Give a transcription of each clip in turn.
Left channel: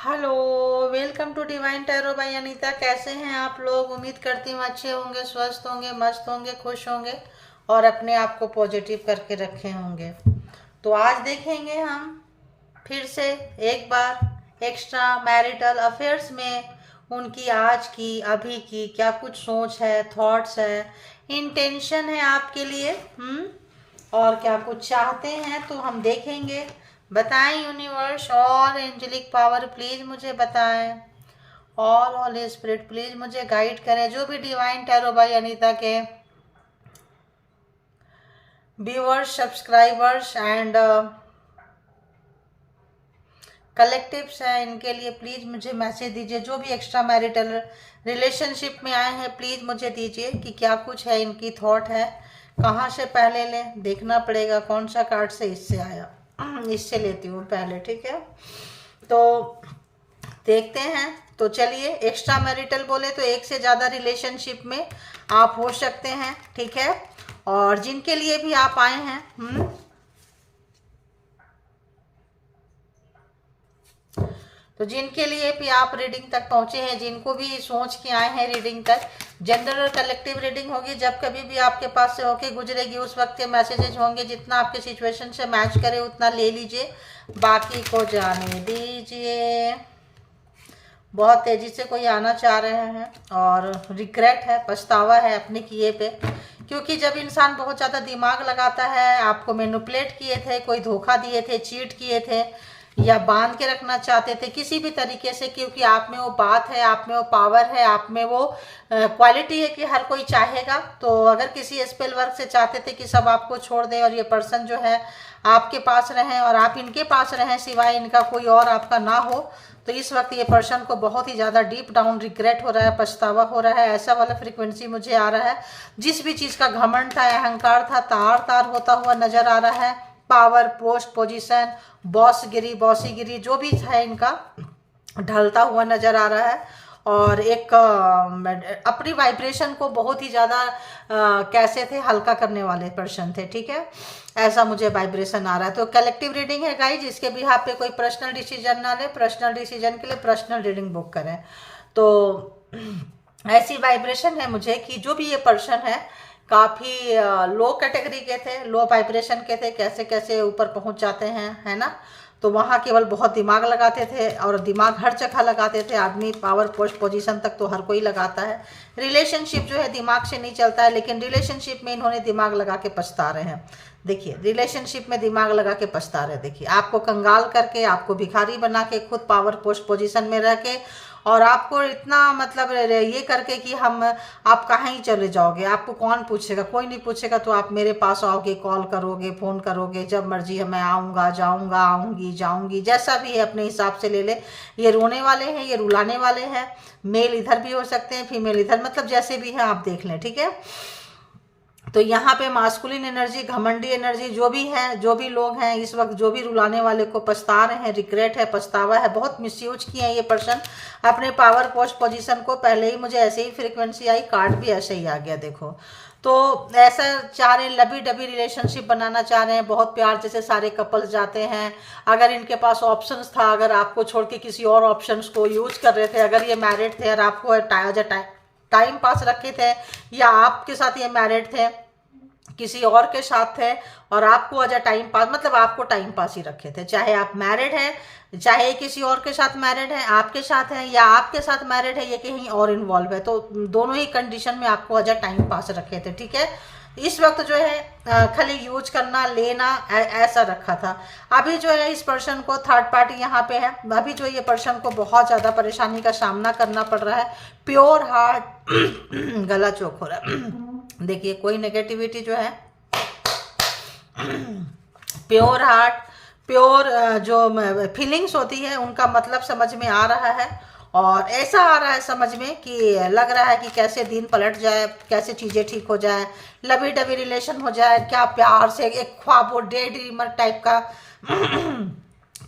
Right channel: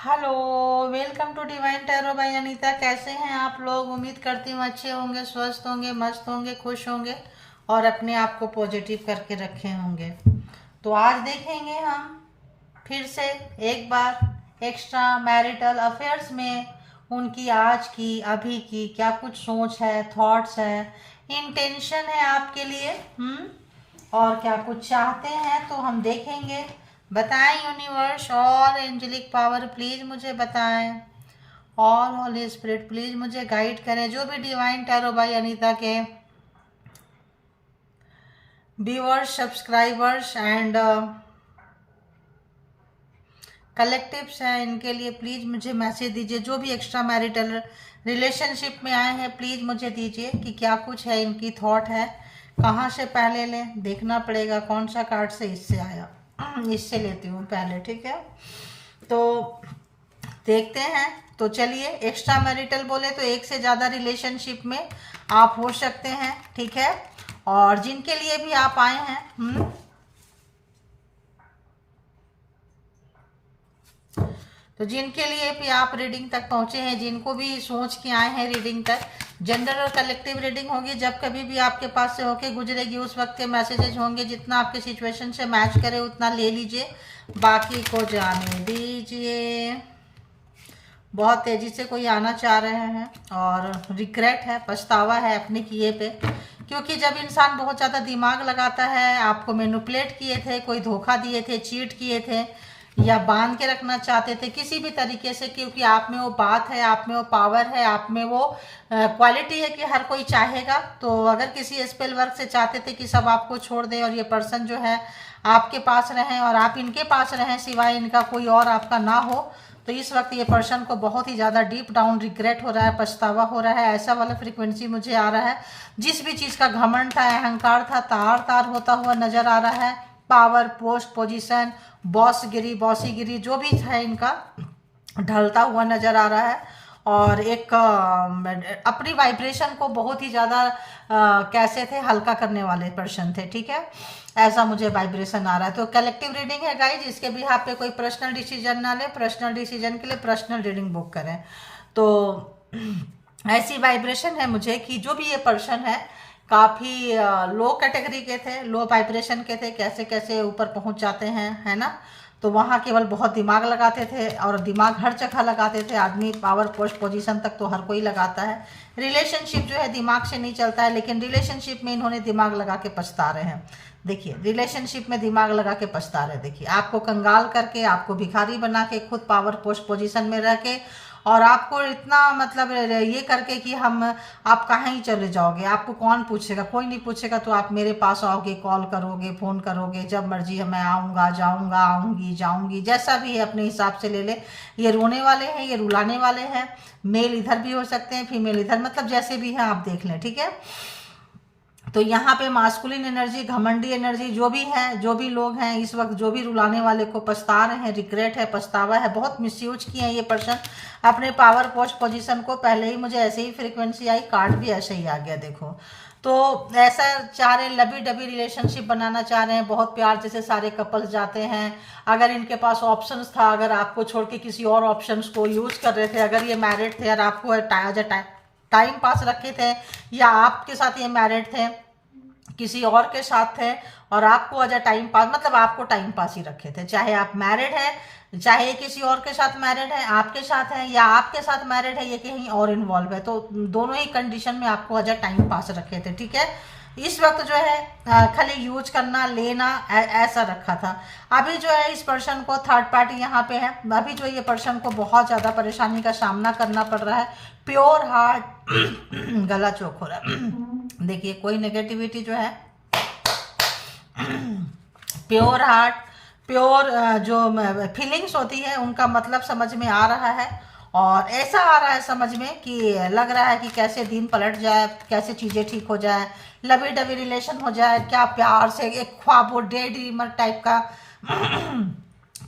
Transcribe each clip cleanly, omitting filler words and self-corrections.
Hello, welcome to divine tarot by Anita. कैसे हैं आप लोग? उम्मीद करती हूँ अच्छे होंगे, स्वस्थ होंगे, मस्त होंगे, खुश होंगे और अपने आप को पॉजिटिव करके रखे होंगे। तो आज देखेंगे हम फिर से एक बार एक्स्ट्रा मैरिटल अफेयर्स में उनकी आज की अभी की क्या कुछ सोच है, थॉट्स है, इंटेंशन है आपके लिए। और क्या कुछ चाहते हैं तो हम देखेंगे। बताएं यूनिवर्स और एंजेलिक पावर प्लीज मुझे बताएं। ऑल होली स्पिरिट प्लीज मुझे गाइड करें। जो भी डिवाइन टैरो बाय अनीता के व्यूअर्स, सब्सक्राइबर्स एंड कलेक्टिव्स हैं, इनके लिए प्लीज मुझे मैसेज दीजिए। जो भी एक्स्ट्रा मैरिटल रिलेशनशिप में आए हैं प्लीज मुझे दीजिए कि क्या कुछ है, इनकी थॉट है। कहाँ से पहले लें, देखना पड़ेगा कौन सा कार्ड से इससे आया। इससे लेती हूँ पहले, ठीक है? तो देखते हैं। तो चलिए, एक्स्ट्रा मैरिटल बोले तो एक से ज़्यादा रिलेशनशिप में आप हो सकते हैं, ठीक है? और जिनके लिए भी आप आए हैं, तो जिनके लिए भी आप रीडिंग तक पहुंचे हैं, जिनको भी सोच के आए हैं रीडिंग तक, जनरल और कलेक्टिव रीडिंग होगी। जब कभी भी आपके पास से होके गुजरेगी उस वक्त के मैसेजेस होंगे, जितना आपके सिचुएशन से मैच करे उतना ले लीजिए, बाकी को जाने दीजिए। बहुत तेजी से कोई आना चाह रहे हैं और रिग्रेट है, पछतावा है अपने किए पे। क्योंकि जब इंसान बहुत ज़्यादा दिमाग लगाता है, आपको मैनिपुलेट किए थे, कोई धोखा दिए थे, चीट किए थे या बांध के रखना चाहते थे किसी भी तरीके से, क्योंकि आप में वो बात है, आप में वो पावर है, आप में वो क्वालिटी है कि हर कोई चाहेगा। तो अगर किसी स्पेल वर्क से चाहते थे कि सब आपको छोड़ दे और ये पर्सन जो है आपके पास रहें और आप इनके पास रहें, सिवाय इनका कोई और आपका ना हो, तो इस वक्त ये पर्सन को बहुत ही ज़्यादा डीप डाउन रिग्रेट हो रहा है, पछतावा हो रहा है। ऐसा वाला फ्रीक्वेंसी मुझे आ रहा है। जिस भी चीज़ का घमंड था, अहंकार था, तार तार होता हुआ नजर आ रहा है। पावर, पोस्ट, पोजीशन, बॉसगिरी, बॉसीगिरी जो भी है इनका ढलता हुआ नजर आ रहा है। और एक अपनी वाइब्रेशन को बहुत ही ज़्यादा कैसे थे, हल्का करने वाले पर्सन थे, ठीक है? ऐसा मुझे वाइब्रेशन आ रहा है। तो कलेक्टिव रीडिंग है गाइज, इसके भी आप पे कोई पर्सनल डिसीजन ना ले। पर्सनल डिसीजन के लिए पर्सनल रीडिंग बुक करें। तो ऐसी वाइब्रेशन है मुझे कि जो भी ये पर्सन है काफ़ी लो कैटेगरी के थे, लो वाइब्रेशन के थे, कैसे कैसे ऊपर पहुंच जाते हैं, है ना? तो वहाँ केवल बहुत दिमाग लगाते थे और दिमाग हर जगह लगाते थे। आदमी पावर, पोस्ट, पोजीशन तक तो हर कोई लगाता है। रिलेशनशिप जो है दिमाग से नहीं चलता है, लेकिन रिलेशनशिप में इन्होंने दिमाग लगा के पछता रहे हैं। देखिए, रिलेशनशिप में दिमाग लगा के पछता रहे। देखिए, आपको कंगाल करके, आपको भिखारी बना के, खुद पावर, पोस्ट, पोजीशन में रह के, और आपको इतना मतलब ये करके कि हम आप कहाँ ही चले जाओगे, आपको कौन पूछेगा, कोई नहीं पूछेगा, तो आप मेरे पास आओगे, कॉल करोगे, फ़ोन करोगे, जब मर्जी मैं आऊँगा, जाऊँगा, आऊँगी, जाऊँगी, जैसा भी है अपने हिसाब से ले ले। ये रोने वाले हैं, ये रुलाने वाले हैं। मेल इधर भी हो सकते हैं, फीमेल इधर, मतलब जैसे भी है आप देख लें, ठीक है? तो यहाँ पे मास्कुलिन एनर्जी, घमंडी एनर्जी जो भी है, जो भी लोग हैं इस वक्त, जो भी रुलाने वाले को पछता रहे हैं, रिग्रेट है, पछतावा है, बहुत मिसयूज किए हैं ये पर्सन अपने पावर, पोस्ट, पोजीशन को। पहले ही मुझे ऐसे ही फ्रीक्वेंसी आई, कार्ड भी ऐसे ही आ गया, देखो। तो ऐसा चाह रहे हैं, लवी डबी रिलेशनशिप बनाना चाह रहे हैं, बहुत प्यार जैसे सारे कपल्स जाते हैं। अगर इनके पास ऑप्शंस था, अगर आपको छोड़ के किसी और ऑप्शंस को यूज कर रहे थे, अगर ये मैरिड थे और आपको टाइम पास रखे थे, या आपके साथ ये मैरिड थे, किसी और के साथ थे और आपको एज अ टाइम पास, मतलब आपको टाइम पास ही रखे थे, चाहे आप मैरिड हैं, चाहे किसी और के साथ मैरिड है, आपके साथ है, या आपके साथ मैरिड है, ये कहीं और इन्वॉल्व है, तो दोनों ही कंडीशन में आपको एज अ टाइम पास रखे थे, ठीक है? इस वक्त जो है खाली यूज करना, लेना, ऐसा रखा था। अभी जो है इस पर्सन को थर्ड पार्टी यहाँ पे है। अभी जो ये पर्सन को बहुत ज़्यादा परेशानी का सामना करना पड़ रहा है। प्योर हार्ट गला चौक हो रहा है। देखिए, कोई नेगेटिविटी जो है, प्योर हार्ट, प्योर जो फीलिंग्स होती है उनका मतलब समझ में आ रहा है। और ऐसा आ रहा है समझ में कि लग रहा है कि कैसे दिन पलट जाए, कैसे चीज़ें ठीक हो जाए, लवी डबी रिलेशन हो जाए, क्या प्यार से एक ख्वाब हो, डे ड्रीमर टाइप का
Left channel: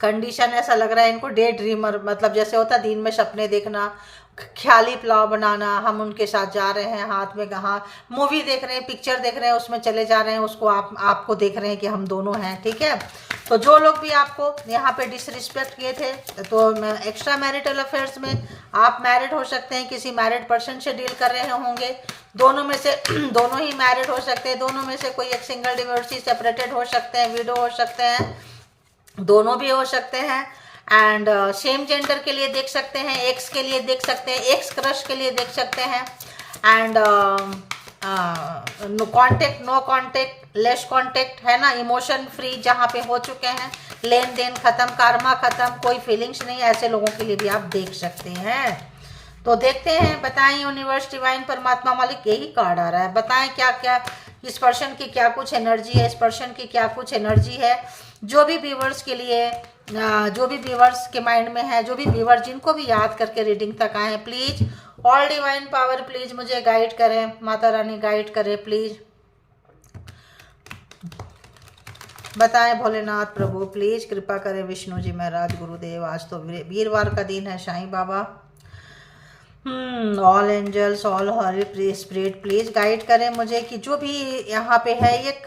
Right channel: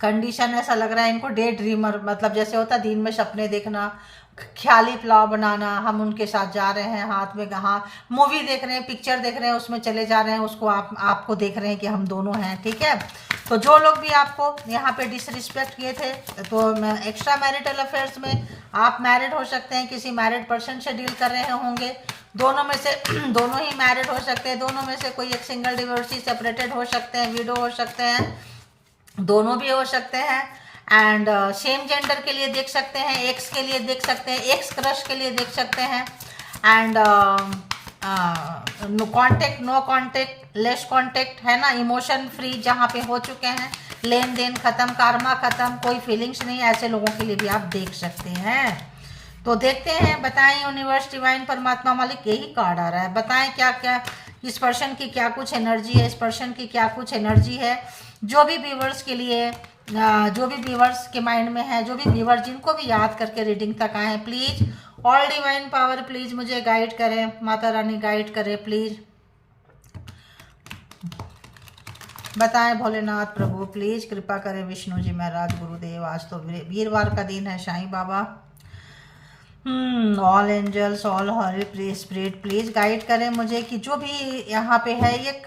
कंडीशन ऐसा लग रहा है इनको डे ड्रीमर, मतलब जैसे होता है दिन में सपने देखना, ख्याली पुलाव बनाना, हम उनके साथ जा रहे हैं, हाथ में कहाँ मूवी देख रहे हैं, पिक्चर देख रहे हैं, उसमें चले जा रहे हैं, उसको आपको देख रहे हैं कि हम दोनों हैं, ठीक है। तो जो लोग भी आपको यहाँ पे डिसरिस्पेक्ट किए थे, तो एक्स्ट्रा मैरिटल अफेयर्स में आप मैरिड हो सकते हैं, किसी मैरिड पर्सन से डील कर रहे होंगे, दोनों में से दोनों ही मैरिड हो सकते हैं, दोनों में से कोई एक सिंगल डिवोर्सी, सेपरेटेड हो सकते हैं, विडो हो सकते हैं, दोनों भी हो सकते हैं। एंड सेम जेंडर के लिए देख सकते हैं, एक्स के लिए देख सकते हैं, एक्स क्रश के लिए देख सकते हैं। And no contact, less contact, है ना, इमोशन फ्री जहाँ पे हो चुके हैं, लेन देन खत्म, कार्मा खत्म, कोई फीलिंग्स नहीं, ऐसे लोगों के लिए भी आप देख सकते हैं। तो देखते हैं, बताएं यूनिवर्स, डिवाइन, परमात्मा, मालिक, यही कार्ड आ रहा है, बताएं क्या क्या इस पर्सन की क्या कुछ एनर्जी है, इस पर्सन की क्या कुछ एनर्जी है। जो भी व्यूवर्स के लिए, जो भी व्यूवर्स के माइंड में है, जो भी व्यूवर जिनको भी याद करके रीडिंग तक आए हैं, please all divine power please मुझे गाइड करें, माता रानी गाइड करें प्लीज। बताएं भोलेनाथ प्रभु प्लीज कृपा करें, विष्णु जी महाराज, गुरुदेव, आज तो वीरवार का दिन है, Sai Baba, all angels, all holy spirit please guide करें मुझे कि जो भी यहाँ पे है, एक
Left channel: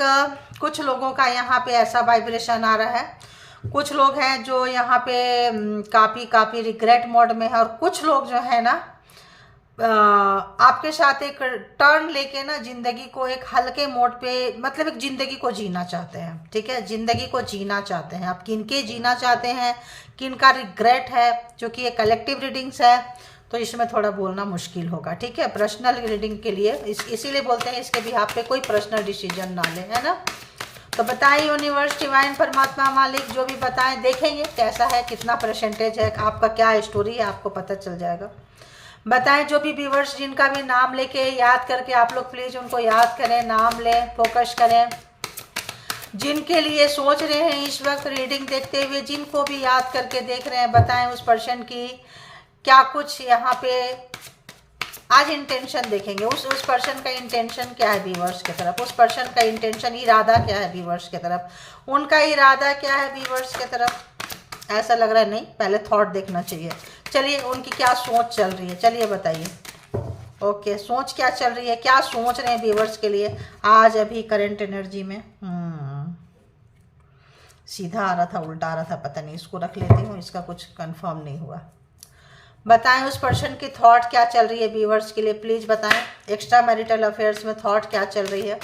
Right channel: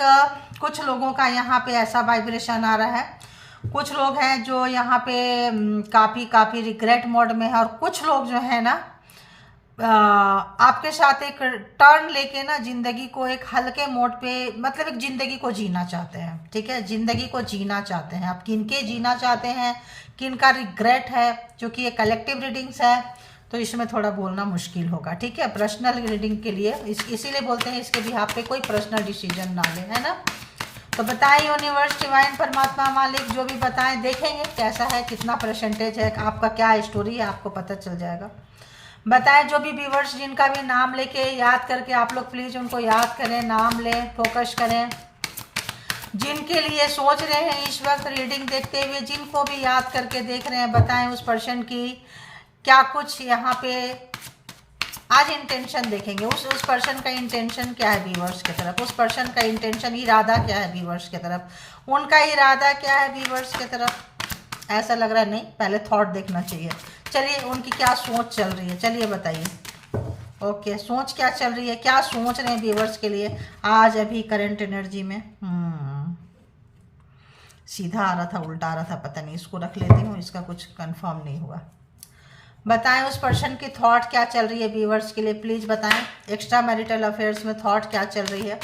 कुछ लोगों का यहाँ पे ऐसा वाइब्रेशन आ रहा है, कुछ लोग हैं जो यहाँ पे काफ़ी रिग्रेट मोड में है, और कुछ लोग जो है ना आपके साथ एक टर्न लेके ना जिंदगी को एक हल्के मोड पे, मतलब एक जिंदगी को जीना चाहते हैं, ठीक है, जिंदगी को जीना चाहते हैं। आप किनके जीना चाहते हैं, किनका रिग्रेट है, क्योंकि ये कलेक्टिव रीडिंग्स है तो इसमें थोड़ा बोलना मुश्किल होगा, ठीक है। पर्सनल रीडिंग के लिए इसीलिए बोलते हैं इसके बिहाफ पे कोई पर्सनल डिसीजन ना ले, है ना। तो बताएं यूनिवर्स, डिवाइन, परमात्मा, मालिक, जो भी बताएं, देखेंगे कैसा है, कितना परसेंटेज है, आपका क्या स्टोरी है, आपको पता चल जाएगा। बताएं जो भी व्यूवर्स जिनका भी नाम लेके याद करके आप लोग प्लीज उनको याद करें, नाम लें, फोकस करें, जिनके लिए सोच रहे हैं इस वक्त रीडिंग देखते हुए, जिनको भी याद करके देख रहे हैं, बताएं उस पर्सन की क्या कुछ यहाँ पे आज इंटेंशन देखेंगे, उस पर्सन का इंटेंशन क्या है व्यूवर्स की तरफ, उस पर्सन का इंटेंशन, इरादा क्या है व्यूवर्स की तरफ, उनका इरादा क्या है व्यूवर्स की तरफ। ऐसा लग रहा है नहीं, पहले थॉट देखना चाहिए। चलिए उनकी क्या सोच चल रही है, चलिए बताइए। ओके, सोच क्या चल रही है, क्या सोच रहे हैं व्यूवर्स के लिए आज अभी करंट एनर्जी में। सीधा आ रहा था, उल्टा आ रहा था, पता नहीं, इसको रख लेती हूँ, इसका कुछ कंफर्म नहीं हुआ। बताएं उस पर्सन की थॉट क्या चल रही है व्यूवर्स के लिए, प्लीज बताएं। एक्स्ट्रा मैरिटल अफेयर्स में थॉट क्या चल रही है,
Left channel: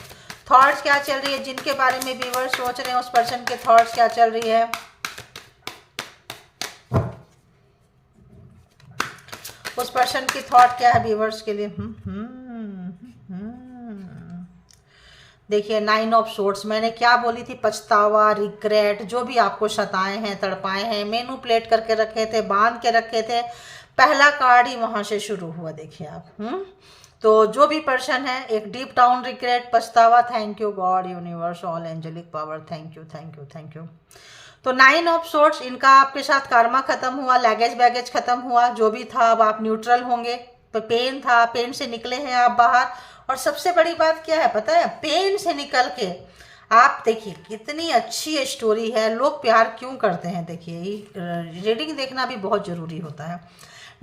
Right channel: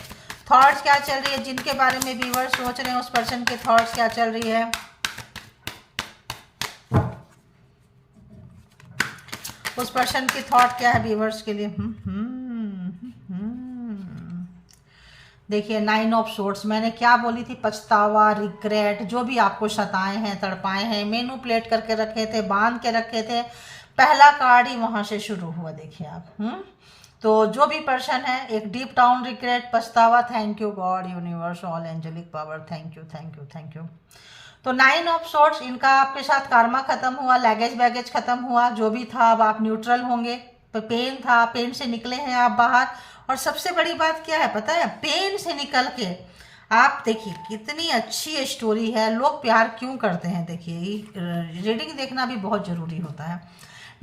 थॉट्स क्या चल रही है, जिनके बारे में व्यूवर्स सोच रहे हैं उस पर्सन के थॉट्स क्या चल रही है। उस पर्सन की थॉट क्या है व्यूवर्स के लिए। देखिए 9 ऑफ सोर्ड्स, मैंने क्या बोली थी, पछतावा, रिग्रेट, जो भी आपको सताए हैं, तड़पाए हैं, मैनिपुलेट करके रखे थे, बांध के रखे थे, पहला कार्ड ही वहां से शुरू हुआ। देखिए आप तो जो भी पर्सन है, एक डीप डाउन रिग्रेट, पछतावा, thank you God, universe, all angelic power, thank you thank you thank you. तो 9 ऑफ सोर्ड्स, इनका आपके साथ कार्मा खत्म हुआ, लैगेज बैगेज खत्म हुआ, जो भी था अब आप न्यूट्रल होंगे। तो पेन था, पेन से निकले हैं आप बाहर, और सबसे बड़ी बात क्या है पता है, पेन से निकल के आप देखिए कितनी अच्छी स्टोरी है। लोग प्यार क्यों करते हैं, देखिए रीडिंग देखना भी बहुत जरूरी होता है।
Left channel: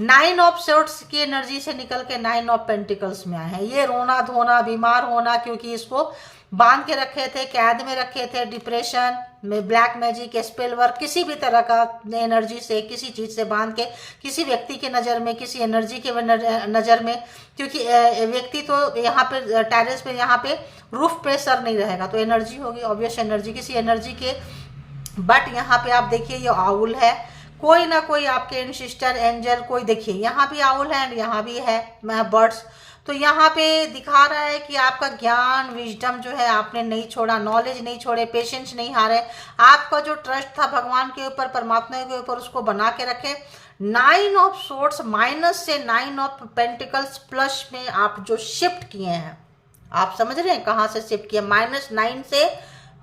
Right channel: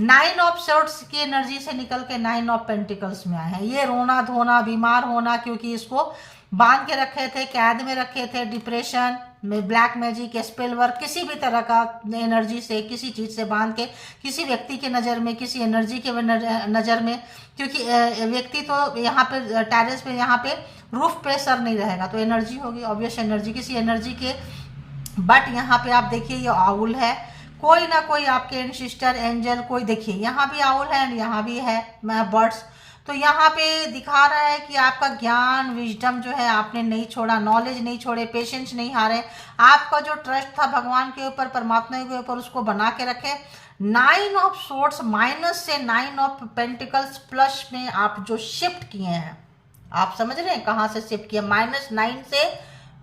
9 ऑफ सोर्ड्स की एनर्जी से निकल के 9 ऑफ पेंटिकल्स में आए हैं। ये रोना धोना, बीमार होना, क्योंकि इसको बांध के रखे थे, कैद में रखे थे, डिप्रेशन में, ब्लैक मैजिक, स्पेल वर्क, किसी भी तरह का एनर्जी से, किसी चीज से बांध के, किसी व्यक्ति के नज़र में, किसी एनर्जी के नज़र में, क्योंकि व्यक्ति तो यहाँ पे टेरेस पे, यहाँ पे रूफ पे सर नहीं रहेगा, तो एनर्जी होगी, ऑब्वियस एनर्जी, किसी एनर्जी के। बट यहाँ पे आप देखिए ये आउल है, कोई ना कोई आपके सिस्टर एंजल, कोई देखिए यहाँ भी आउल है एंड यहाँ भी है बर्ड्स। तो यहाँ पे दिखा रहा है कि आपका ज्ञान, विजडम जो है आपने नहीं छोड़ा, नॉलेज नहीं छोड़े, पेशेंस नहीं हारे, आपका जो ट्रस्ट था भगवान के ऊपर, परमात्मा के ऊपर, उसको बना के रखे। 9 ऑफ सोर्ड्स माइनस से 9 ऑफ पेंटिकल्स प्लस में आप जो शिफ्ट किए हैं, आप समझ रहे हैं कहाँ से शिफ्ट किया, -9 से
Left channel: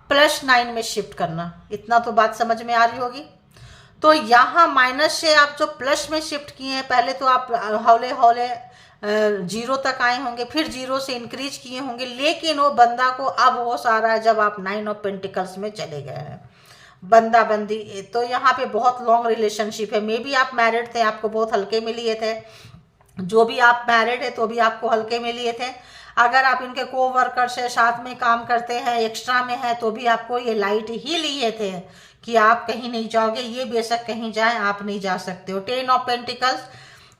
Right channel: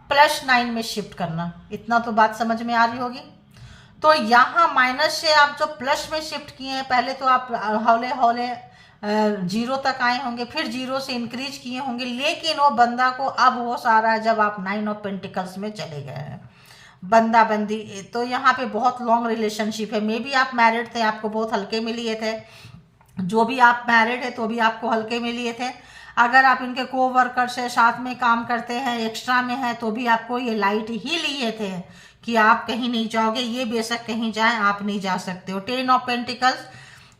+9 में शिफ्ट करना, इतना तो बात समझ में आ रही होगी। तो यहाँ माइनस से आप जो प्लस में शिफ्ट किए हैं, पहले तो आप हौले हौले 0 तक आए होंगे, फिर 0 से इंक्रीज किए होंगे, लेकिन वो बंदा को अब होश आ रहा है जब आप 9 ऑफ पेंटिकल्स में चले गए हैं। बंदा बंदी, तो यहाँ पे बहुत लॉन्ग रिलेशनशिप है। मे बी आप मैरिड थे, आपको बहुत हल्के में लिए थे। जो भी आप मैरिड है तो भी आपको हल्के में लिए थे। अगर आप इनके को वर्कर से साथ में काम करते हैं, एक्स्ट्रा में है, तो भी आपको ये लाइट ही लिए थे कि आप कहीं नहीं जाओगे, ये बेशक कहीं जाए आप नहीं जा सकते हो। 10 ऑफ पेंटिकल्स,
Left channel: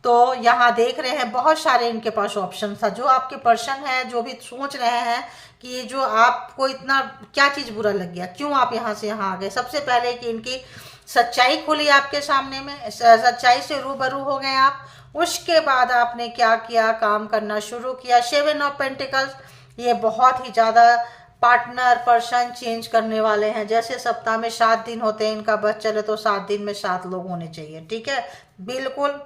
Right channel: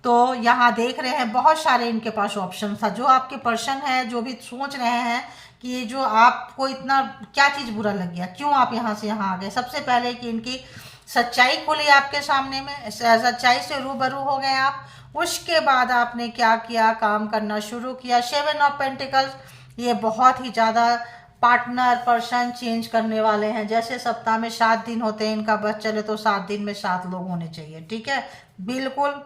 तो यहाँ देख रहे हैं बहुत सारे इनके पास ऑप्शन था। जो आपके पर्सन है, जो भी सोच रहे हैं कि ये जो आपको इतना क्या चीज़ बुरा लग गया, क्यों आप यहाँ से यहाँ आ गए, सबसे पहले कि इनकी सच्चाई खुली आपके सामने में, सच्चाई से रूबरू हो गए आप। उसके बाद आपने क्या किया, काम करना शुरू किया। 7 ऑफ पेंटिकल्स, ये बहुत ही ज़्यादा पार्टनर पर्सन चेंज करने वाले हैं। जैसे सप्ताह में 7 दिन होते हैं, इनका बस चले तो 7 दिन में 7 लोग होने चाहिए, ठीक है। बिल्कुल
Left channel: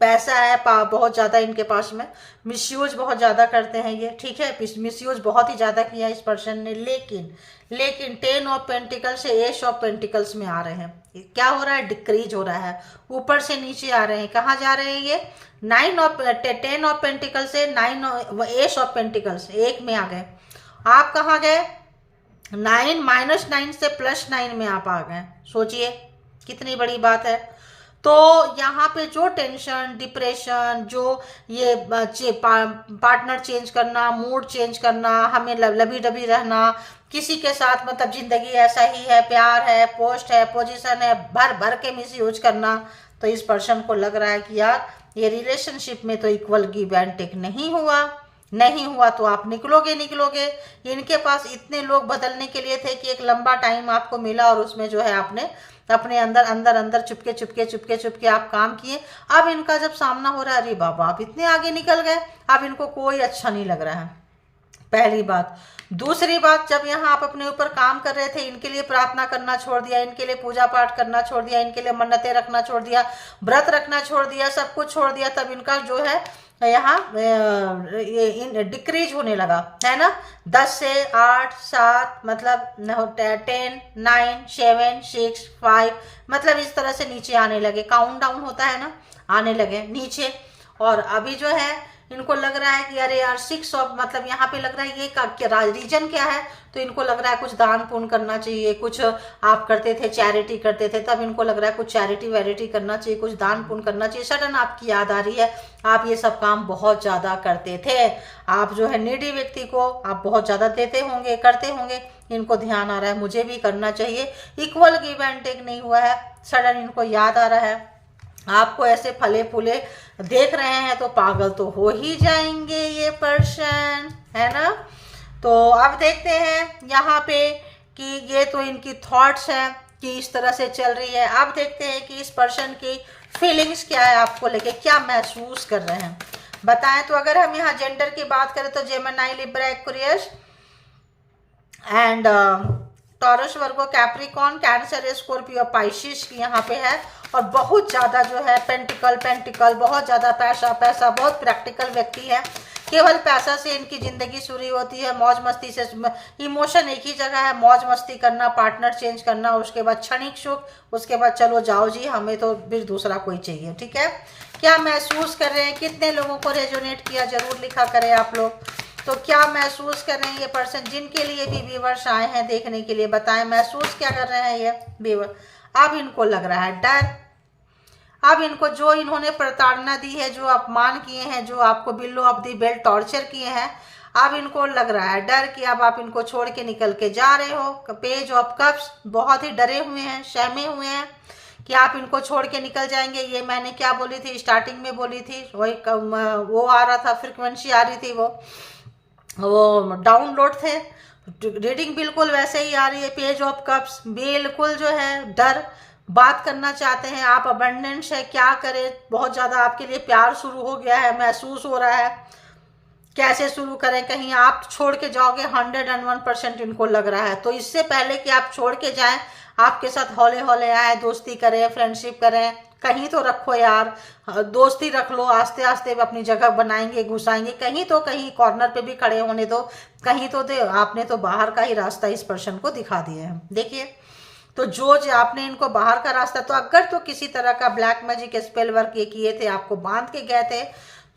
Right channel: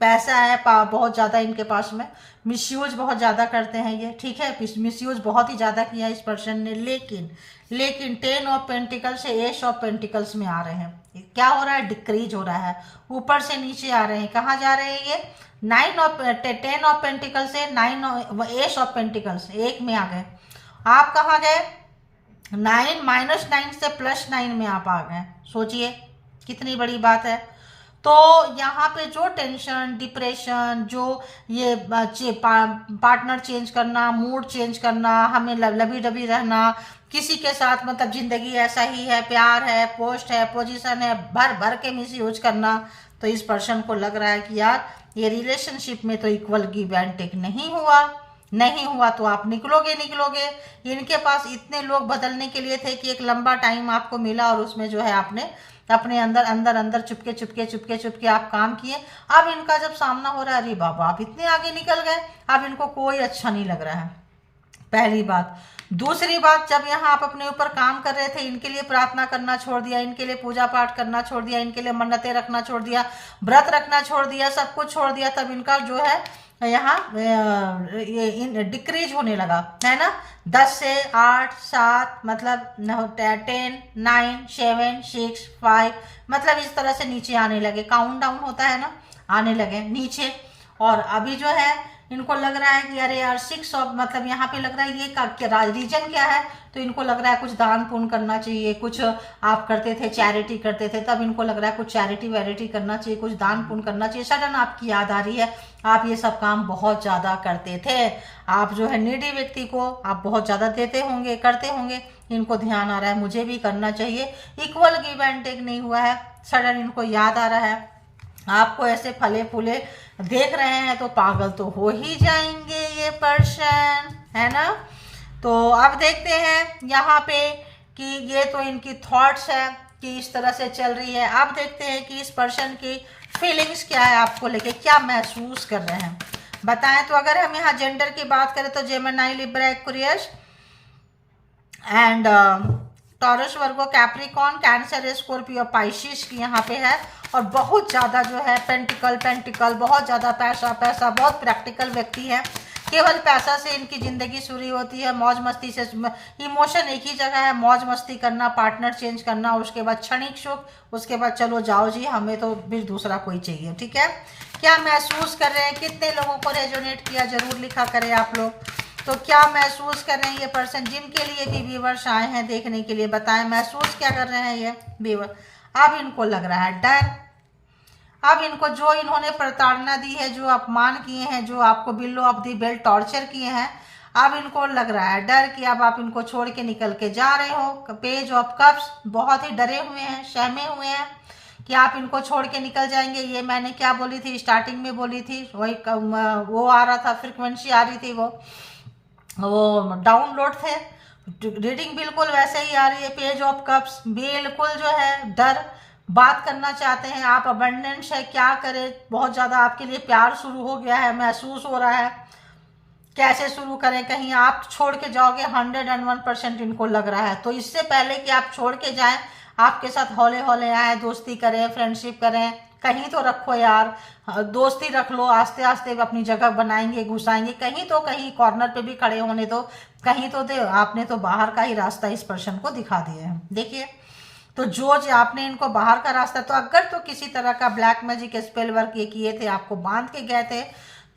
पैसा है बहुत ज़्यादा इनके पास में, मिसयूज बहुत ज़्यादा करते हैं ये, ठीक है। मिसयूज बहुत ही ज़्यादा किया इस पर्सन ने। लेकिन 10 ऑफ पेंटिकल्स से एस ऑफ पेंटिकल्स में आ रहे हैं। क्या हो रहा है, डिक्रीज हो रहा है, ऊपर से नीचे आ रहे हैं। कहाँ जा रहे हैं ये, 10 ऑफ पेंटिकल्स से 9 एस ऑफ पेंटिकल्स एक में आ गए। आप कहाँ गए, 9 -9 से +9 में आप आ गए। सोचिए कितनी बड़ी बात है। तो यहाँ पे जो टेंशन, डिप्रेशन, जो ये पार्टनर चेंज करना, मूड चेंज करना, हमें लबी डबी रहना, किसी के साथ मतलब जिंदगी ऐसा ही है, प्यार है, पोस्ट है, पोजीशन है, भर भर के मिस यूज करना, तो इस पर्सन को लग रहा है कि यार ये रिलेशनशिप में तो इक्वल गिव एंड टेक नहीं हुआ तो आप निकलोगे। इनके पास इतने लोग बदलने के लिए थे कि एक लंबा टाइम आपको मिला और उसमें जो है आपने अपने अंदर चुपके आप काम किए। अब इनका जब सामना हो रहा है, अरे बाबा आप इतने आगे निकल गए, अब इनको कोई अच्छा नहीं लग रहा है, पहली बात। दूसरी बात, जब यहाँ आप अपने ऊपर काम कर रहे थे, इनके लिए प्रार्थना करना छोड़ दिया, इनके लिए पूजा पाठ करना छोड़ दिया, इनके लिए मन्नतें रखना छोड़ दिया, व्रत रखना छोड़ दिया, सब कुछ छोड़ दिया, तब इनका जो है यहाँ ये डिक्रीज होने लगा, है ना। 10 से 8 7 मतलब 10 9 7 6 5 मतलब इस तरह से नीचे आने लगे। काउंट डाउन होता है ना, आने लगे नीचे। और अभी जो है इनको लग रहा है कि अरे यार 6 ऑफ मतलब यहाँ पे लग रहा है ये रीजन क्या है, तो इनको लग रहा है कुछ दान पुण्य करना चाहिए। कुछ आप करते थे, चैरिटी करते थे, तब इनको लग रहा है कुछ चैरिटी वैरिटी करना चाहिए, कुछ दान पुण्य करना चाहिए। सडन आपकी याद आ रही है, आप ये सब काम बहुत ज़्यादा करते थे। आप जो है नीडी व्यक्ति को आप बहुत ज़्यादा देते होंगे, करते होंगे। इनको ध्यान आ रहा है मुझे भी करना चाहिए, इक्वल गिव एंड टेक नहीं हुआ है। सडन इनको याद आ रहा है, आपको ऐसे फले फूले देख रहे हैं तो पागल तो हो ही जाएंगे ये पर्सन, है ना। तो अब देखते हैं यहाँ पे कि ये तो इनकी थॉट्स है कि इस तरह से चल रही है। अब देखते हैं कि इस पर्सन की फीलिंग्स क्या है, आपको लेके क्या महसूस कर रहे हैं, बताएं। तो अगर हम यहाँ जेंडर की बात करें तो Gemini, Libra, Aquarius and taurus, Virgo, Capricorn, cancer, Scorpio, Pisces की यहाँ पे है। और बहुत ज़्यादा जो है पेंटिकल, बहुत ज़्यादा पैसा, बहुत प्रैक्टिकल व्यक्ति है। केवल पैसा से इनकी ज़िंदगी शुरू होती है, मौज मस्ती से। इमोशन एक ही जगह है, मौज मस्ती करना, पार्टनर चेंज करना, उसके बाद क्षणिक सुख, उसके बाद चलो जाओ जी हमें तो फिर दूसरा कोई चाहिए, ठीक है। क्या महसूस कर रहे हैं, कितने लोगों को रेजोनेट किया, जरूर लिखा करें आप लोग। तो क्या महसूस कर रहे हैं ये पर्सन जिनके लिए भी व्यूअर्स आए हैं देखने के लिए, बताएं महसूस क्या कर रहे हैं ये व्यूअर। अब इनको लग रहा है डर। अब इनको जो इन्होंने प्रताड़ना दी है, जो अपमान किए हैं, जो आपको below of the belt torture किए हैं, अब इनको लग रहा है डर कि अब आप इनको छोड़ के निकल के जा रहे हो। पेज ऑफ कप्स, बहुत ही डरे हुए हैं, सहमे हुए हैं कि आप इनको छोड़ के निकल जाएंगे। ये मैंने क्या बोली थी, स्टार्टिंग में बोली थी, वही वो आ रहा था, फ्रिक्वेंसी आ रही थी, वो डाउनलोड थे। रीडिंग बिल्कुल वैसे ही आ रही है। पेज ऑफ कप्स, बिल्कुल जो है डर, बात करना चाहते हैं आप, अबंडेंस है, क्या करें, बहुत ज़्यादा आपके लिए प्यार शुरू हो गया है, महसूस हो रहा है, कैसे शुरू करें, कहीं आप छोड़ के जाओगे, 101% इनको लग रहा है। तो इससे पहले कि आप छोड़ के जाएं, आपके साथ हौले हौले आए, दोस्ती करें, फ्रेंडशिप करें, कहीं तो रखो यार, दोस्ती रख लो, आस्ते आस्ते अपनी जगह बनाएंगे, घुसाएंगे, कहीं तो कहीं कॉर्नर पे भी खड़े होने दो, कहीं तो दे। आपने तो बाहर का ही रास्ता इस पर्सन को दिखा दिए हैं, देखिए। तो जो आपने इनको बाहर का रास्ता, तो अगर तो किसी तरह का ब्लैक मैजिक स्पेल वर्क ये किए थे, आपको बांध के गए थे,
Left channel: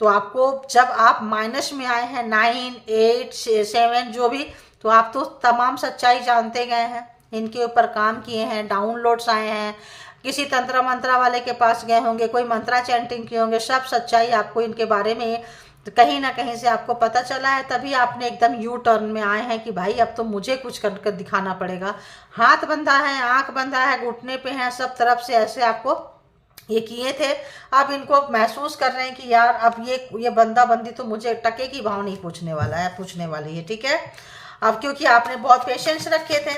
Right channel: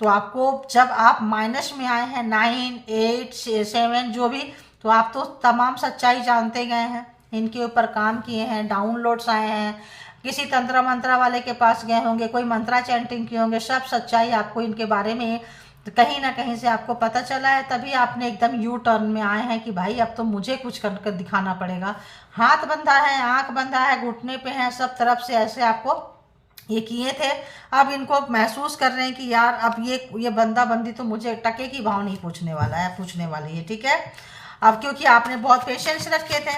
तो आपको जब आप माइनस में आए हैं 9 8 7 जो भी, तो आप तो तमाम सच्चाई जानते गए हैं, इनके ऊपर काम किए हैं, डाउनलोड्स आए हैं, किसी तंत्र मंत्रा वाले के पास गए होंगे, कोई मंत्रा चैंटिंग किए होंगे, सब सच्चाई आपको इनके बारे में तो कहीं ना कहीं से आपको पता चला है, तभी आपने एकदम यू टर्न में आए हैं कि भाई अब तो मुझे कुछ कर दिखाना पड़ेगा। हाथ बंधा है, आंख बंधा है, घुटने पे है, सब तरफ से ऐसे आपको ये किए थे। अब इनको महसूस कर रहे हैं कि यार अब ये बंदा बंदी तो मुझे टके की भाव नहीं पूछने वाला है, पूछने वाली है, ठीक है। अब क्योंकि आपने बहुत पेशेंस रखे थे।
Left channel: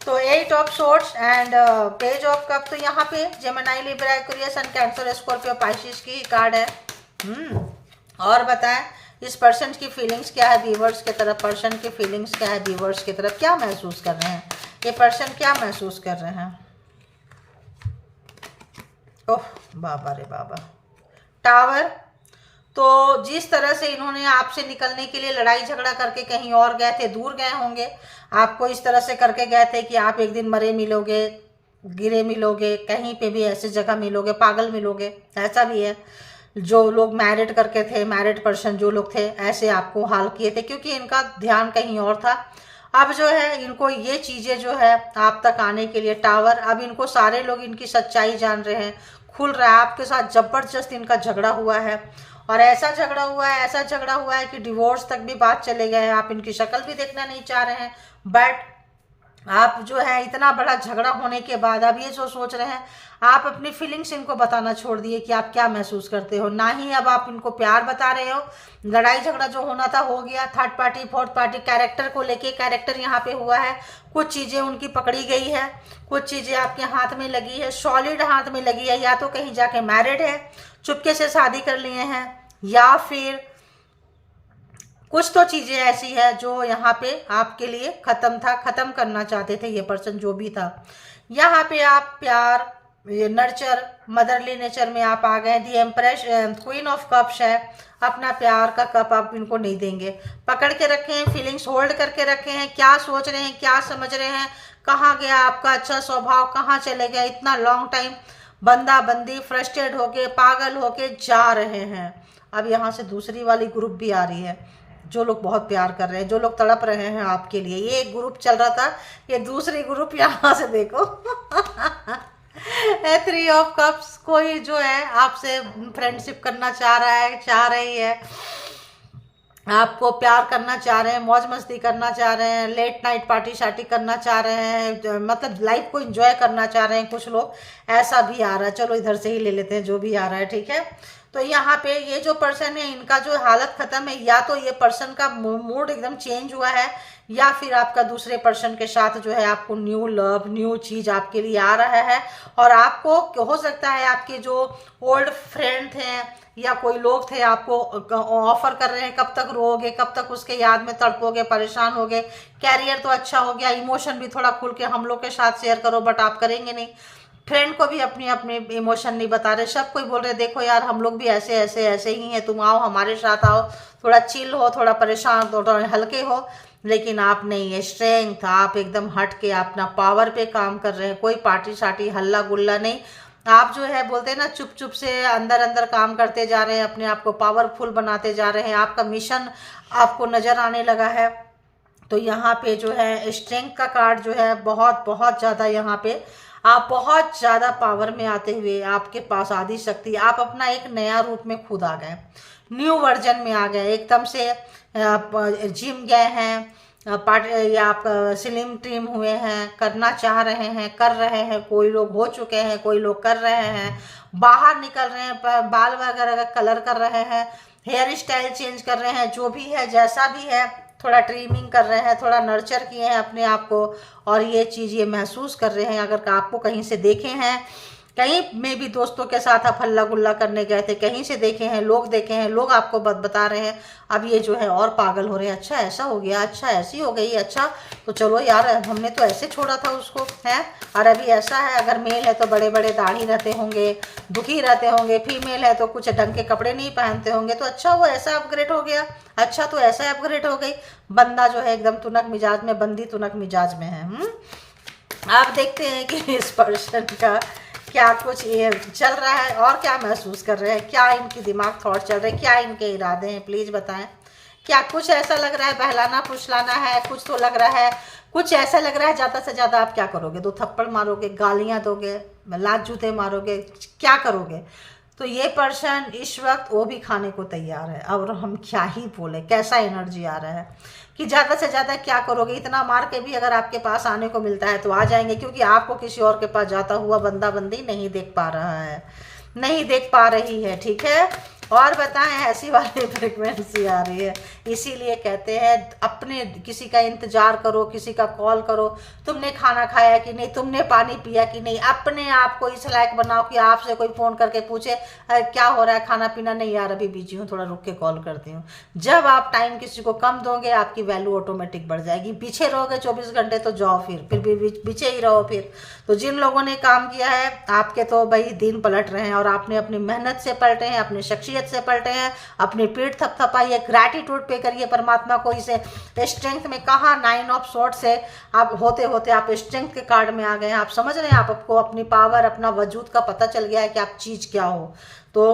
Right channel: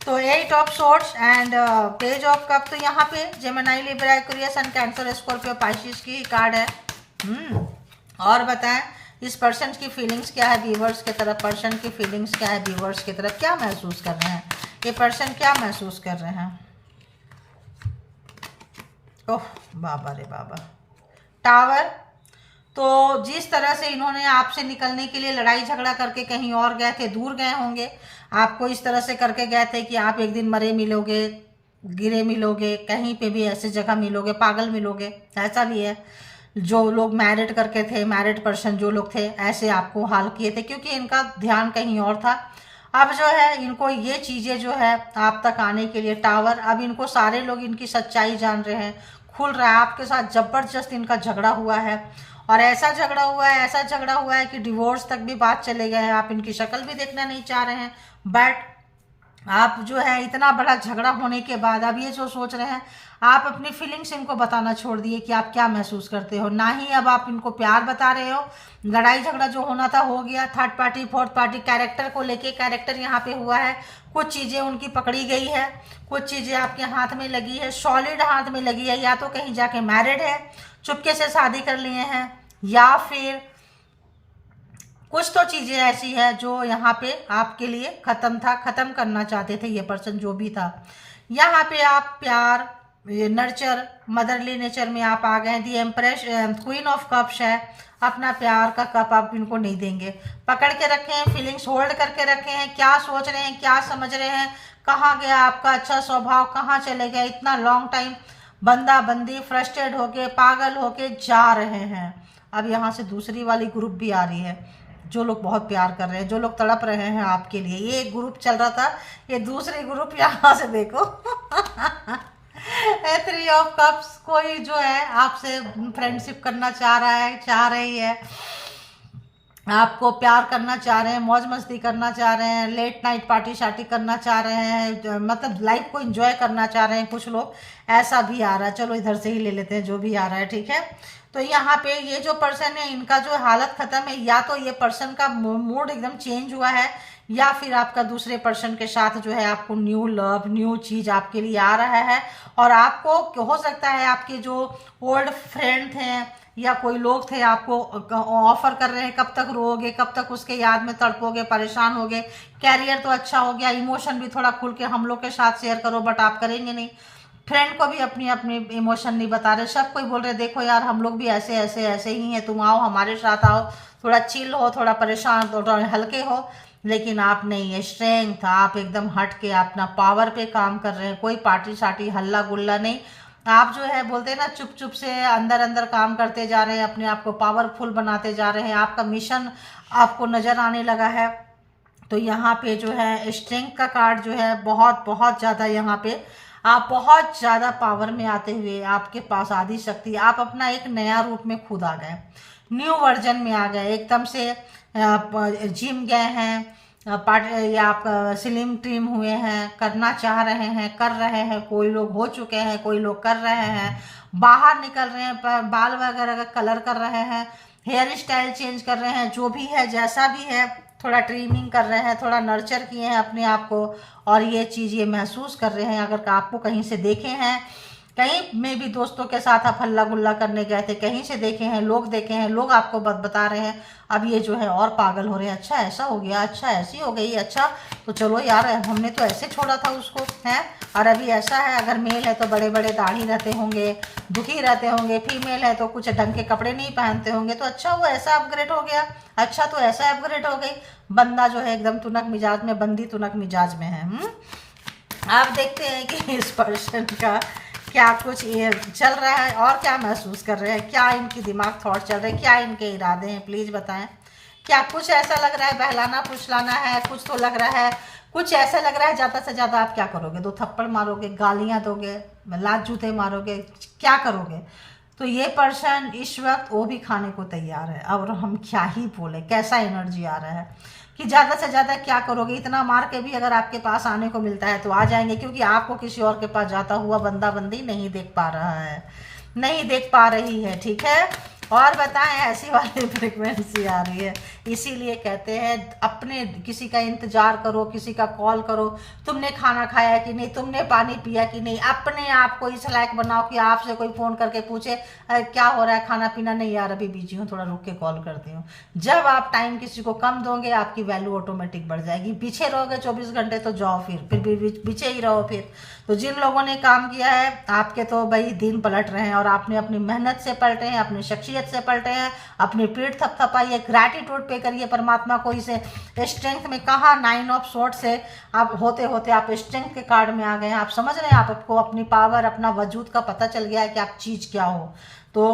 तो 8 of swords and page of cup, तो यहाँ पे Gemini, Libra, Aquarius and cancer, Scorpio, Pisces की कार्ड है। और बताएं इस पर्सन की फीलिंग्स क्या है व्यूअर्स की तरफ, पर्सन की फीलिंग्स क्या है व्यूअर्स की तरफ, क्या महसूस कर रहे हैं ये पर्सन, क्या महसूस कर रहे हैं। ओह बाबा रे बाबा, टावर। तो जिस तरह से इन्होंने आपसे निकलने के लिए लड़ाई झगड़ा करके कहीं और गए थे, दूर गए होंगे, आपको इस तरह से करके गए थे कि आप एक दिन मरे मिलोगे, गिरे मिलोगे, कहीं पे भी ऐसी जगह मिलोगे, पागल मिलोगे, ऐसा भी है। जो लोग मैरिड करके थे, मैरिड पर्सन जो लोग थे, ऐसे आपको हाल किए थे क्योंकि इनका ध्यान कहीं और था। अब जो है इनको ये चीज़ें जो है आप तक आने के लिए टावर, अब इनको सारे लोग इनकी सच्चाई जान रहे हैं, खुल रहा है। आपके साथ जबरदस्त इनका झगड़ा हुआ है और ऐसा झगड़ा हुआ है, ऐसा झगड़ा हुआ है कि डिवोर्स तक भी बात चले गए हैं। आप इनकी शक्ल भी देखना नहीं चाह रहे हैं, बट आप जो है इतना बड़ा झगड़ा होने के बाद अब ये जो सोच रहे हैं, आप अपनी फीलिंग्स इनको बताना छोड़ दिए कि आप क्या महसूस करते हो, ना ही अब आप इनको प्यार बता रहे हो। लड़ाई झगड़ा जो होना था हो गया। Third party, fourth party, character को लेके, कैरेक्टर यहाँ पे हुआ है, कुछ चीज़ें उनकी पकड़ी गई है, कुछ चीज़ें आपके हाथ में लगी है, सॉलिड हाथ में लगी है। या तो कहीं जाके मैरिड है, चुपके से शादी कर लिए हैं, या फिर कुछ तो चीज़ें ऐसी है जो यहाँ पे आपके लिए ख़त्म था, ख़त्म करना चाहते थे ये पर्सन जो भी था। यहाँ पे आप प्यार, ये नर्चर, मदरली नेचर में आप आ गए। The empress, queen of cups है, अपना प्यार का कप आप इनको नहीं देंगे, पकड़ के रखे हैं, फीलिंग्स होल्ड करके रखे हैं। क्या सोच रहे हैं, क्या समझ रहे हैं, कहाँ गया आपका अच्छा स्वभाव, कहाँ चले गया इतना लॉन्ग टाइम, बंदा बंदी फ्रस्ट्रेट होके, पागल होके जा रहे हैं। अब यहाँ से दूसरी वाली ग्रुप भी आ रही है, जो लोग बहुत प्यार कर रहे हैं, जो लोग तड़प रहे हैं आपके लिए। ये एक ग्रुप चल रहा था, ये दूसरी ग्रुप यहाँ से देखो 3 ऑफ कप्स, कोई जो है आपसे फ्रेंडशिप करना चाह रहा है, चाह रही है, आपको प्यार करना चाह रहे हैं, मौज मस्ती करना चाह रहे हैं, लेट नाइट पार्टी शार्टी करना चाह रहे हैं, मतलब लाइफ को एंजॉय करना चाह रहे हैं कुछ लोग, ऐसा भी आ रहा है। चलो इधर से ही ले लेते हैं जो भी आ रहा है, ठीक है। तो यहाँ पे ये जो पर्सन है, इनका जो हालत खत्म है, या तो ये पर्सन का मूड एकदम चेंज हुआ है, या फिर आपका दूसरे पर्सन के साथ जो है आपको न्यू लव, न्यू चीज आपके लिए आ रहा है। और आपको हो सकता है आपके जो ओल्ड फ्रेंड थे या कोई लोग थे आपको ऑफर कर रहे हैं, कब तक रोओगे, कब तक उसके याद में तड़पोगे, परेशान होगे। कैरियर तो अच्छा हो गया, इमोशन भी थोड़ा खुल के हम लोग के साथ शेयर करो, बट आप करेंगे नहीं। फ्रेंड को भी अपनी अपनी इमोशन नहीं बता रहे, सब कोई बोल रहे देखो यार हम लोग भी ऐसे ऐसे ऐसे ही हैं, तुम आओ हमारे साथ आओ, थोड़ा चिल हो, थोड़ा परेशान, थोड़ा हल्के हो। लेकिन आप नहीं है, स्ट्रेंथ, आप एकदम हट के अपना पावर पे काम कर रहे हैं, कोई पार्टी सार्टी हल्ला गुल्ला नहीं। आप जो है बोलते हैं ना, चुप चुप से अंदर अंदर काम करते जा रहे हैं, अपने आप को पावरफुल बनाते जा रहे हैं, आपका मिशन आपको नजर आने लगा है। तो यहाँ पे जो है स्ट्रेंथ का कार्ड जो है बहुत बहुत ज़्यादा, यहाँ पे आप बहुत ज़्यादा पावर में आते हुए आपके पास आदि शक्ति, आप अपना एक नया रूप में खुद आ गए, न्यू वर्जन में आ गए, एकदम से जिम गए हैं, या आप स्लिम ट्रिम हुए हैं, करना चाह रहे हैं, कर रहे हैं, कोई लोग हो चुके हैं, कोई लोग कर रहे हैं, बाहर निकल रहे हैं, बाल वगैरह का कलर कर रहे हैं, हेयर स्टाइल चेंज कर रहे हैं, जो भी है जैसा भी है, थोड़ा ट्रिमिंग कर रहे हैं, थोड़ा नर्चर किए हैं अपने आप को, और ये चीज़ ये महसूस कर रहे हैं। अगर आपको कहीं से देखे हैं, कहीं में भी दोस्तों के साथ आप हल्ला गुल्ला करने गए थे, कहीं से देखे हैं, लोग देखे हैं, लोग आपको बता रहे हैं, अब ये जो है और पागल हो रहे हैं, अच्छा ऐसा हो गया, अच्छा ऐसी हो गई, अच्छा तो चलो यार हमने तो ऐसे छोड़ा था उसको, है और अभी ऐसा है। अगर मेल है तो बड़े बड़े दाढ़ी रहते होंगे, दुखी रहते होंगे, फीमेल है तो कुछ ढंग के कपड़े नहीं पहनते होंगे, तो अच्छा वो ऐसा अपग्रेड हो गया, अच्छा तो ऐसा अपग्रेड हो गई। बंदा जो है एकदम तुनक मिजाज में, बंदी तुनक मिजाज में है। आप देखते हैं कि इस पर्सन का क्या कुछ ये चल रहा है और क्या महसूस कर रहे हैं, क्या इनकी दिमाग थॉट चल रहे हैं, क्या इनके इरादे हैं, प्लीज़ बताएं क्या कुछ ऐसा लग रहा है बहलाना फुसलाना है, कुछ तो लग रहा है, कुछ ऐसा लग रहा है ज़्यादा से ज़्यादा आप क्या करोगे, 2 थप्पड़ मारोगे, गालियाँ दोगे, लात जूते मारोगे, क्या करोगे। तो ये पर्सन इस वक्त वो भी खाने को तैयार है। और हम क्या ही बोले, कैसा एनर्जी आ रहा है कि ज़्यादा से ज़्यादा क्या करोगे। इतना मार के भी अगर आपके पास आने को मिलता है तो आ जाएंगे, क्योंकि आपको किसी और के पास जाता हुआ बंदा बंदी नहीं देख पा रहा है, नहीं देख पा रही है, ठीक है। और बताएं, ऐसी वाली फ्रिक्वेंसी आ रही है, इसीलिए कहते हैं अपने किसी का इंतजार करो, किसी का कॉल करो, तुमने खाना खाया कि नहीं, तुमने पानी पिया कि नहीं। अपने आप को इस लायक बनाओ कि आपसे कोई फ़ोन करके पूछे क्या हो रहा है, खाना पीना, नहीं यार अभी बिजी हूँ, थोड़ा रुक के कॉल करती हूँ। जब आप टाइम किसी को कम दोगे आपकी वैल्यू ऑटोमेटिक बढ़ जाएगी। पीछे रहोगे 24 घंटे तो जाओ फिर भी पीछे ही रहो फिर। तो जिन लोगों ने काम किया है आपके तो भाई दिन पलट रहे हैं, और आपने अपनी मेहनत से पलटे हैं, अपनी शख्सियत से पलटे हैं, अपनी पीठ थपथपाई है, ग्रैटिट्यूड पे करिए परमात्मा को। इसे स्ट्रेंथ में कहा 9 ऑफ स्वॉर्ड से आप होते होते आप स्ट्रेंथ के कार्ड में आ गए हैं। आप समझ रहे हैं, आपको अपनी पावर, अपना वजूद का पता चल गया है कि आप चीज क्या हो। तो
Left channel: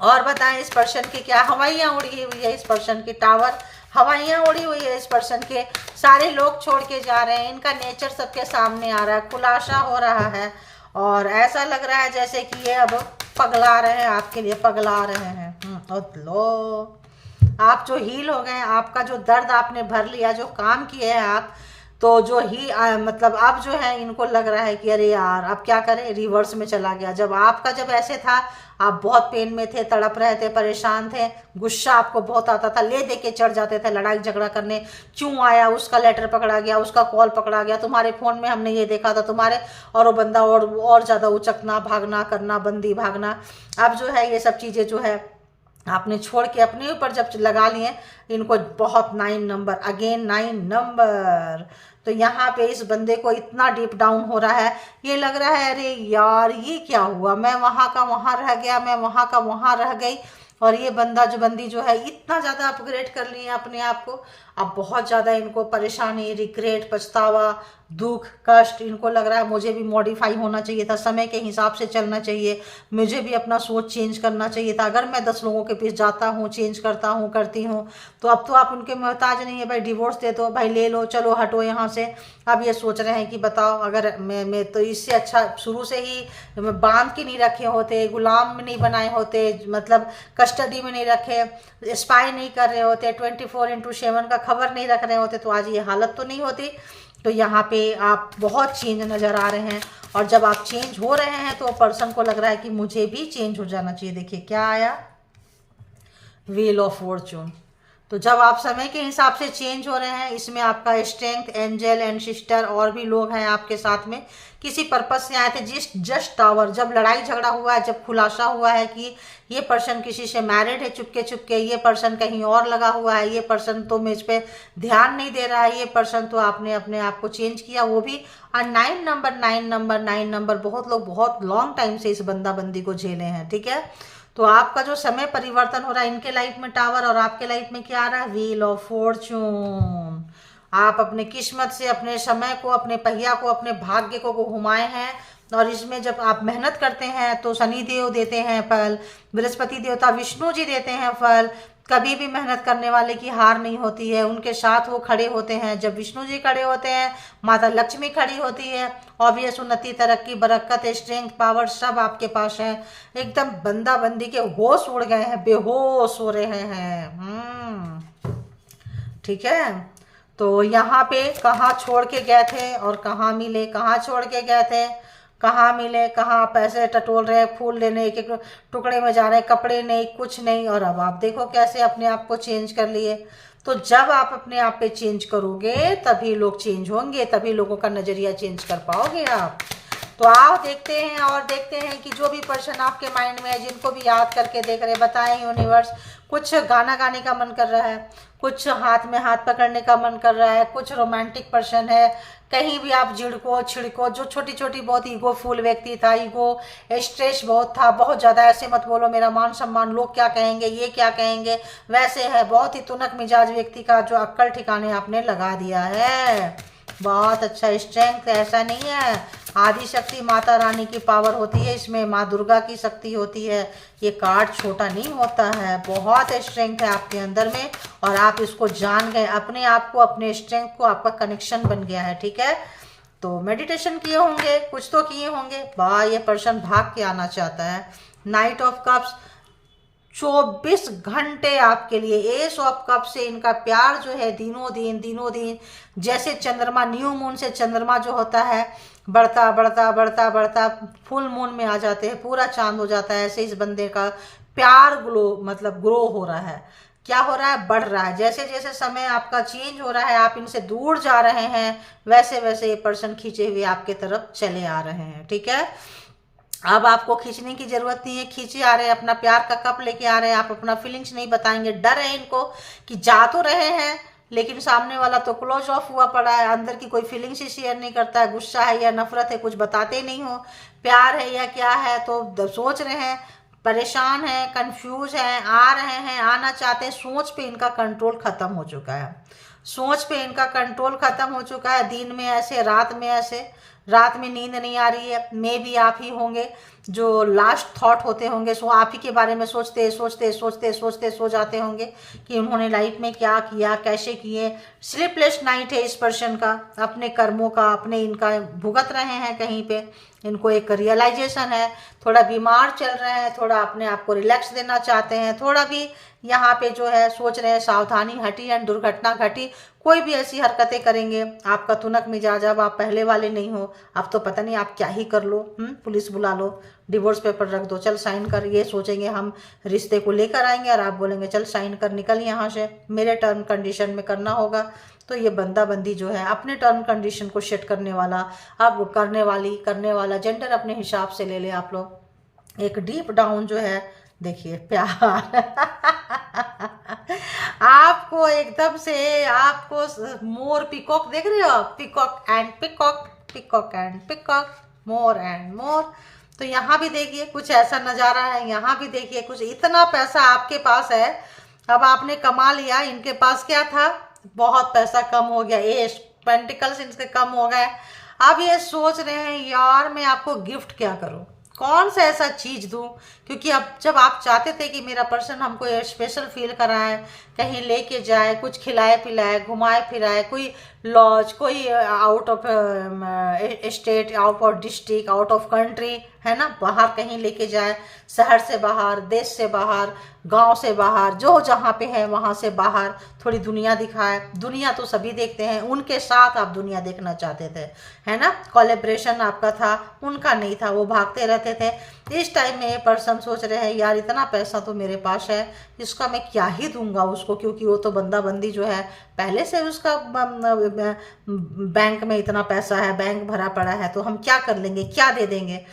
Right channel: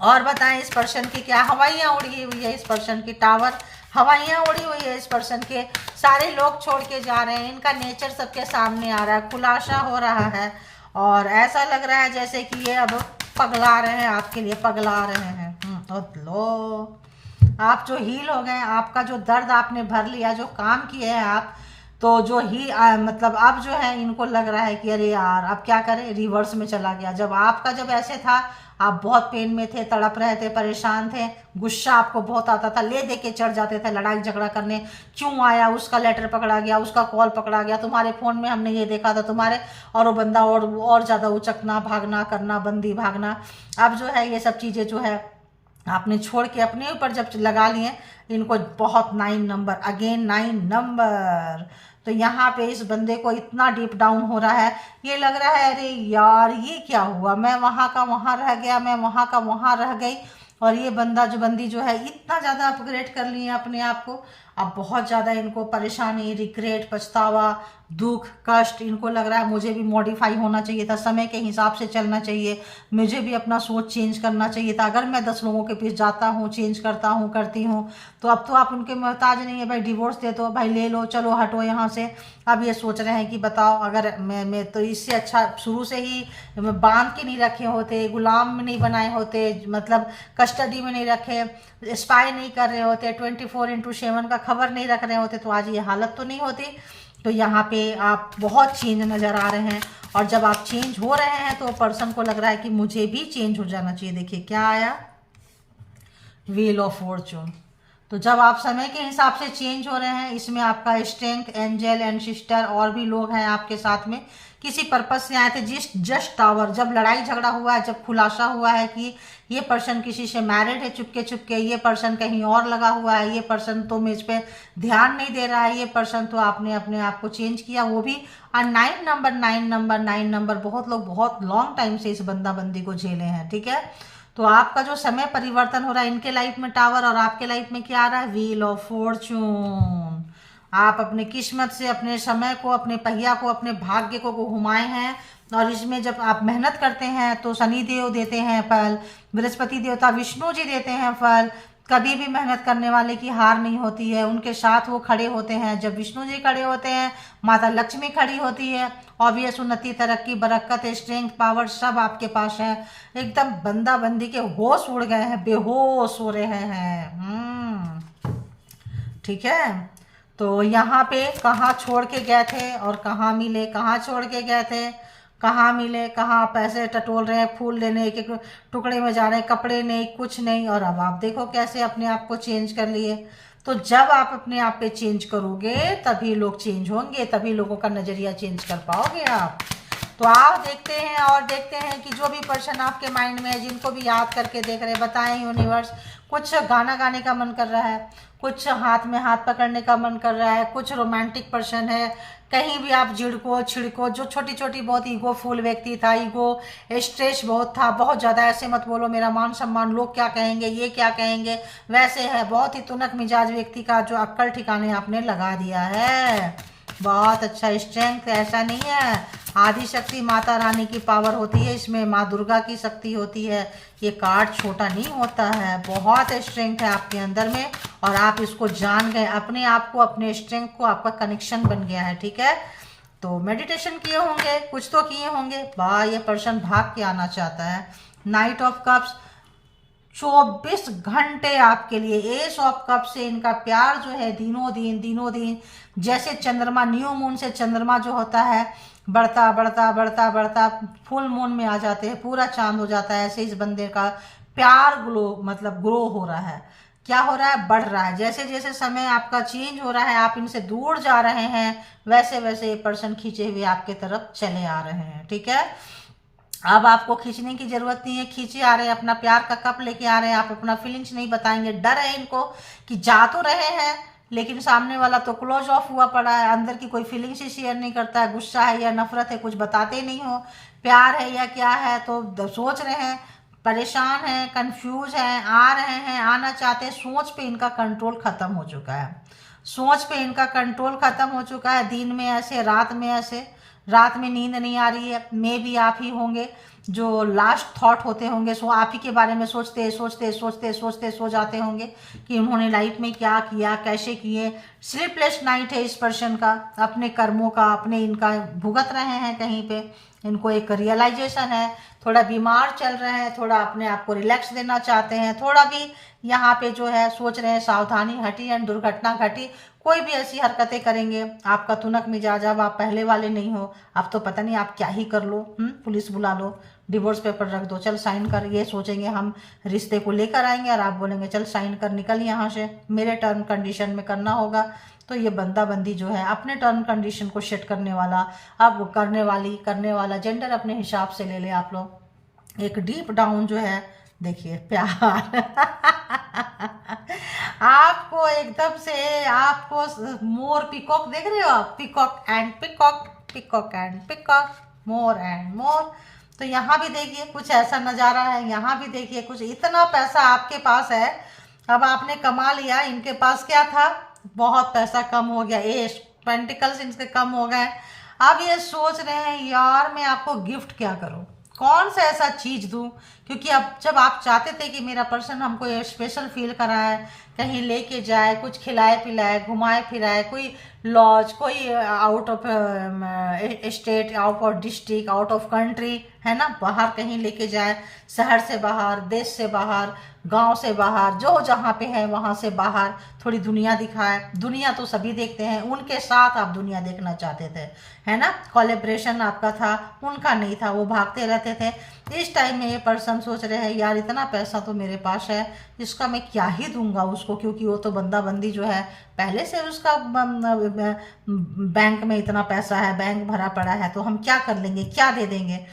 और बताएं, इस पर्सन की क्या हवाइयाँ उड़ी हुई है, इस पर्सन की टावर हवाइयाँ उड़ी हुई है, इस पर्सन के सारे लोग छोड़ के जा रहे हैं, इनका नेचर सबके सामने आ रहा है, खुलासा हो रहा है। और ऐसा लग रहा है जैसे कि ये अब पगला रहे हैं, आपके लिए पगला रहे हैं। और लो आप जो हील हो गए, आपका जो दर्द आपने भर लिया, जो काम किए हैं आप, तो जो ही मतलब अब जो है इनको लग रहा है कि अरे यार अब क्या करें, रिवर्स में चला गया। जब ऐसे था आप बहुत पेन में थे, तड़प रहे थे, परेशान थे, गुस्सा आपको बहुत आता था, ले दे के चढ़ जाते थे लड़ाई झगड़ा करने। क्यों आया, उसका लेटर पकड़ा गया, उसका कॉल पकड़ा गया, तुम्हारे फ़ोन में हमने ये देखा था तुम्हारे, और वो बंदा और ज़्यादा उचकना, भागना करना, बंदी भागना। अब जो है ये सब चीज़ें जो है आपने छोड़ के अपने ऊपर जब लगा लिए, इनको बहुत 9 नंबर, अगेन 9 नंबर। तो यहाँ पे इस बंदे को इतना डीप डाउन हो रहा है, ये लग रहा है अरे यार ये क्या हुआ, मैं वहाँ का वहाँ रह गया, मैं वहाँ का वहाँ रह गई। और ये बंदी जो है इतना ज़्यादा अपग्रेड कर लिए अपने आप को। अब बहुत ज़्यादा इनको परेशानी, रिग्रेट, पछतावा, दुख, कष्ट, इनको लग रहा है मुझे भी मॉडिफाई होना चाहिए था, समय के हिसाब से चलना चाहिए, मुझे भी अपना सोच चेंज करना चाहिए था। अगर मैं 10 लोगों के पीछे जाता हूँ, चेंज करता हूँ, करती हूँ, तो अब तो आप उनके मोहताज नहीं है। भाई डिवोर्स दे दो, भाई ले लो, चलो हटो यहाँ से। अब ये सोच रहे हैं कि बताओ, अगर मैं तो इससे अच्छा शुरू से ही बांध के नहीं रखे होते, गुलाम में नहीं बनाए होते, मतलब कस्टडी में नहीं रखे, स्पाई नहीं कर रहे होते, 24/7 का खबर नहीं रख रहे होते, तो आज ये हालत तो नहीं होती। तो यहाँ पे आप बहुत चेंज नज़र आ रहे हैं। और जब आप चेंज हो रहे हैं तो पर्सन को लग रहा है कि मुझे भी चेंज हो जाना चाहिए। देखिए क्या आया, व्हील ऑफ फॉर्चून। तो जब आप समय के हिसाब से चेंज हो रहे हैं, इसमें आपका स्ट्रेंथ, एंजल एंड सिस्टर और भी लोग हैं आपके साथ में, किसी पर्पस से आए थे। जस्ट टावर, जब लड़ाई झगड़ा हुआ है, जब खुलासा हुआ है कि ये पर्सन किसी से मैरिड है चुपके चुपके, ये पर्सन कहीं और लगा हुआ है, ये पर्सन तो मेज पे ध्यान नहीं दे रहा है, ये पर्सन तो आपने अपने आप को चेंज किया, वो भी। और 9 नंबर बहुत लोग बहुत लॉन्ग टाइम से इस बंदा बंदी को झेले हैं, ठीक है। तो आपका जो समय परिवर्तन हो रहा है इनके लाइफ में टावर, और आपके लाइफ में क्या आ रहा है, व्हील ऑफ फॉर्चून। आप अपने किस्मत से, अपने समय को, अपने पहिया को, अपने भाग्य को घुमाए हैं। और इसमें जब आप मेहनत करते हैं तो शनि देव देते हैं फल, बृहस्पति देवता, विष्णु जी देते हैं फल। कभी भी मेहनत करने वाले की हार नहीं होती है, उनके साथ वो खड़े होते हैं। जब विष्णु जी खड़े होते हैं, माता लक्ष्मी खड़ी होती है। ऑब्वियस उन्नति, तरक्की, बरकत, स्ट्रेंथ, पावर सब आपके पास है। एकदम बंदा बंदी के होश उड़ गए हैं, बेहोश हो रहे हैं। ठीक है। तो यहाँ पे कहाँ छोड़ के गए थे और कहाँ मिले, कहाँ छोड़ के गए थे, कहाँ मिले, कहाँ पैसे टटोल रहे हैं, फूल लेने एक एक टुकड़े में जा रहे हैं, कपड़े नहीं, कुछ नहीं। और अब आप देखो कैसे अपने आप को चेंज कर लिए। तो जब आप अपने आप पे चेंज करोगे तभी लोग चेंज होंगे, तभी लोगों का नज़रिया चेंज कर पाओगे आप। तो आप देखते हैं और देखते हैं कि जो भी पर्सन आपके माइंड में है, जिनको भी याद करके देख रहे हैं, बताएं यूनिवर्स। कुछ गाना गाने का मन कर रहा है, कुछ हाथ में हाथ पकड़ने का मन कर रहा है, कुछ रोमांटिक पर्सन है, कहीं भी आप झिड़को छिड़को। जो छोटी छोटी बहुत ईगो फुल व्यक्ति था, ईगो स्ट्रेस बहुत था, बहुत ज़्यादा, ऐसे मत बोलो मेरा मान सम्मान, लोग क्या कहेंगे, ये क्या कहेंगे, वैसे है। बहुत ही तुनक मिजाज व्यक्ति का जो अक्ल ठिकाने आपने लगा दिया है। बहुत अच्छा स्ट्रेंथ, ऐसा नहीं है। आदि शक्ति माता रानी की पावर होती है इसमें, माँ दुर्गा की शक्ति होती है। ये कार्ड छोटा नहीं होता है, बहुत स्ट्रेंथ है आपके अंदर में, और आप इसको जान गए अपने आप को, अपने स्ट्रेंथ को, आपका कनेक्शन बन गया है। ठीक है, तो मेडिटेशन किए होंगे, कुछ तो किए होंगे। वाह, ये पर्सन भाग के आना चाहता है। नाइट ऑफ कप्स, 24 घंटे आपके लिए। एस ऑफ कप से इनका प्यार जो है दिनों दिन जैसे चंद्रमा, न्यू मून से चंद्रमा जो होता है बढ़ता बढ़ता बढ़ता बढ़ता फुल मून में आ जाते हैं, पूरा चांद हो जाता है, ऐसे इस बंदे का प्यार ग्रो हो रहा है। क्या हो रहा है? बढ़ रहा है। जैसे जैसे समय आपका चेंज हो रहा है, आप इनसे दूर जा रहे हैं, वैसे वैसे ये पर्सन खींचे हुए आपके तरफ चले आ रहे हैं। ठीक है, अब आपको खींचने की जरूरत नहीं है, खींचे आ रहे हैं, अपना प्यार का कप लेके आ रहे हैं, आप अपना फीलिंग्स नहीं बताएंगे। डर है इनको कि जा तो रहे हैं लेकिन सामने वाला तो क्लोज ऑफ हुआ पड़ा है, अंदर की कोई फीलिंग्स ही शेयर नहीं करता है, गुस्सा है या नफरत है कुछ बताते नहीं हो, प्यार है या क्या है, तो सोच रहे हैं, परेशान है, कंफ्यूज है, आ रहे हैं, आना चाहते हैं। सोच पे इनका कंट्रोल खत्म हो चुका है, सोच पे इनका कंट्रोल खत्म हो चुका है। दिन में ऐसे, रात में ऐसे, रात में नींद नहीं आ रही है, मे भी आप ही होंगे जो लास्ट थॉट होते होंगे, सो आप ही के बारे में सोचते सोचते सोचते सोचते सो जाते होंगे कि उन्होंने लाइफ में क्या किया, कैसे किए। स्लीपलेस नाइट है इस पर्सन का, अपने कर्मों का, अपने इनका भुगत रहे हैं कहीं पे, इनको एक रियलाइजेशन है, थोड़ा बीमार चल रहे हैं, थोड़ा अपने आप को रिलैक्स देना चाहते हैं, थोड़ा भी यहाँ पे जो है सोच रहे हैं सावधानी हटी एंड दुर्घटना घटी। कोई भी ऐसी हरकतें करेंगे, आपका तुनक मिजाज, अब आप पहले वाले नहीं हो, अब तो पता नहीं आप क्या ही कर लो, पुलिस बुला लो, डिवोर्स पेपर रख दो, चल साइन कर, ये सोचेंगे हम रिश्ते को लेकर आएंगे, और आप बोलेंगे चल साइन कर, निकल यहाँ से, मेरे टर्म कंडीशन में करना होगा। तो ये बंदा बंदी जो है अपने टर्म कंडीशन को सेट करने वाला, अब करने वाला जेंडर अपने हिसाब से ले ले आप लोग। एक डीप डाउन जो है, देखिए प्यार आपको एकदम से, आपको मोर पीकॉक देख रहे हो आप, peacock and peacock, peacock and peacock, more and more. तो यहाँ भी देखिए कुछ ऐसा नज़ारा है, यहाँ भी देखिए कुछ, इतना पैसा आपके पास है, अब आपने कमा लिया, इनके पास क्या था, बहुत पैसा कम हो गया, एस पेंटिकल्स इनसे कम हो गए। अब ये सोच रहे हैं यार मैं आपको गिफ्ट क्या करूं, कौन सा ऐसा चीज दूं, क्योंकि अब जब आप चाहते थे कि मेरा पर्सन हमको ये स्पेशल फील कराए, कहीं लेके जाए, कुछ खिलाए पिलाए, घुमाए फिराए, कोई लॉज, कोई out of state, out of district, out of country, है ना, बाहर कहीं लेके जाए, शहर से बाहर, देश से बाहर, गांव से बाहर, जो जहाँ पे है वहाँ से बाहर, थोड़ी दुनिया दिखाए। दुनिया तो सभी देखते हैं, उनके साथ आप दुनिया देखना चाहते थे, है ना, कोलैबोरेशन आपका था, उनका नहीं था, वो भागते रहते थे। इस टाइम में ये पर्सन सोच रहे हैं यार इतना पैसा तो मेरे पास है, इसका मैं क्या ही दूंगा उसको, क्योंकि वो तो बंदा बंदी जो है पहले से उसका बैंक में इतना पैसा है, बैंक भरा पड़ा है, तो हम क्या कर लेंगे, क्या दे देंगे।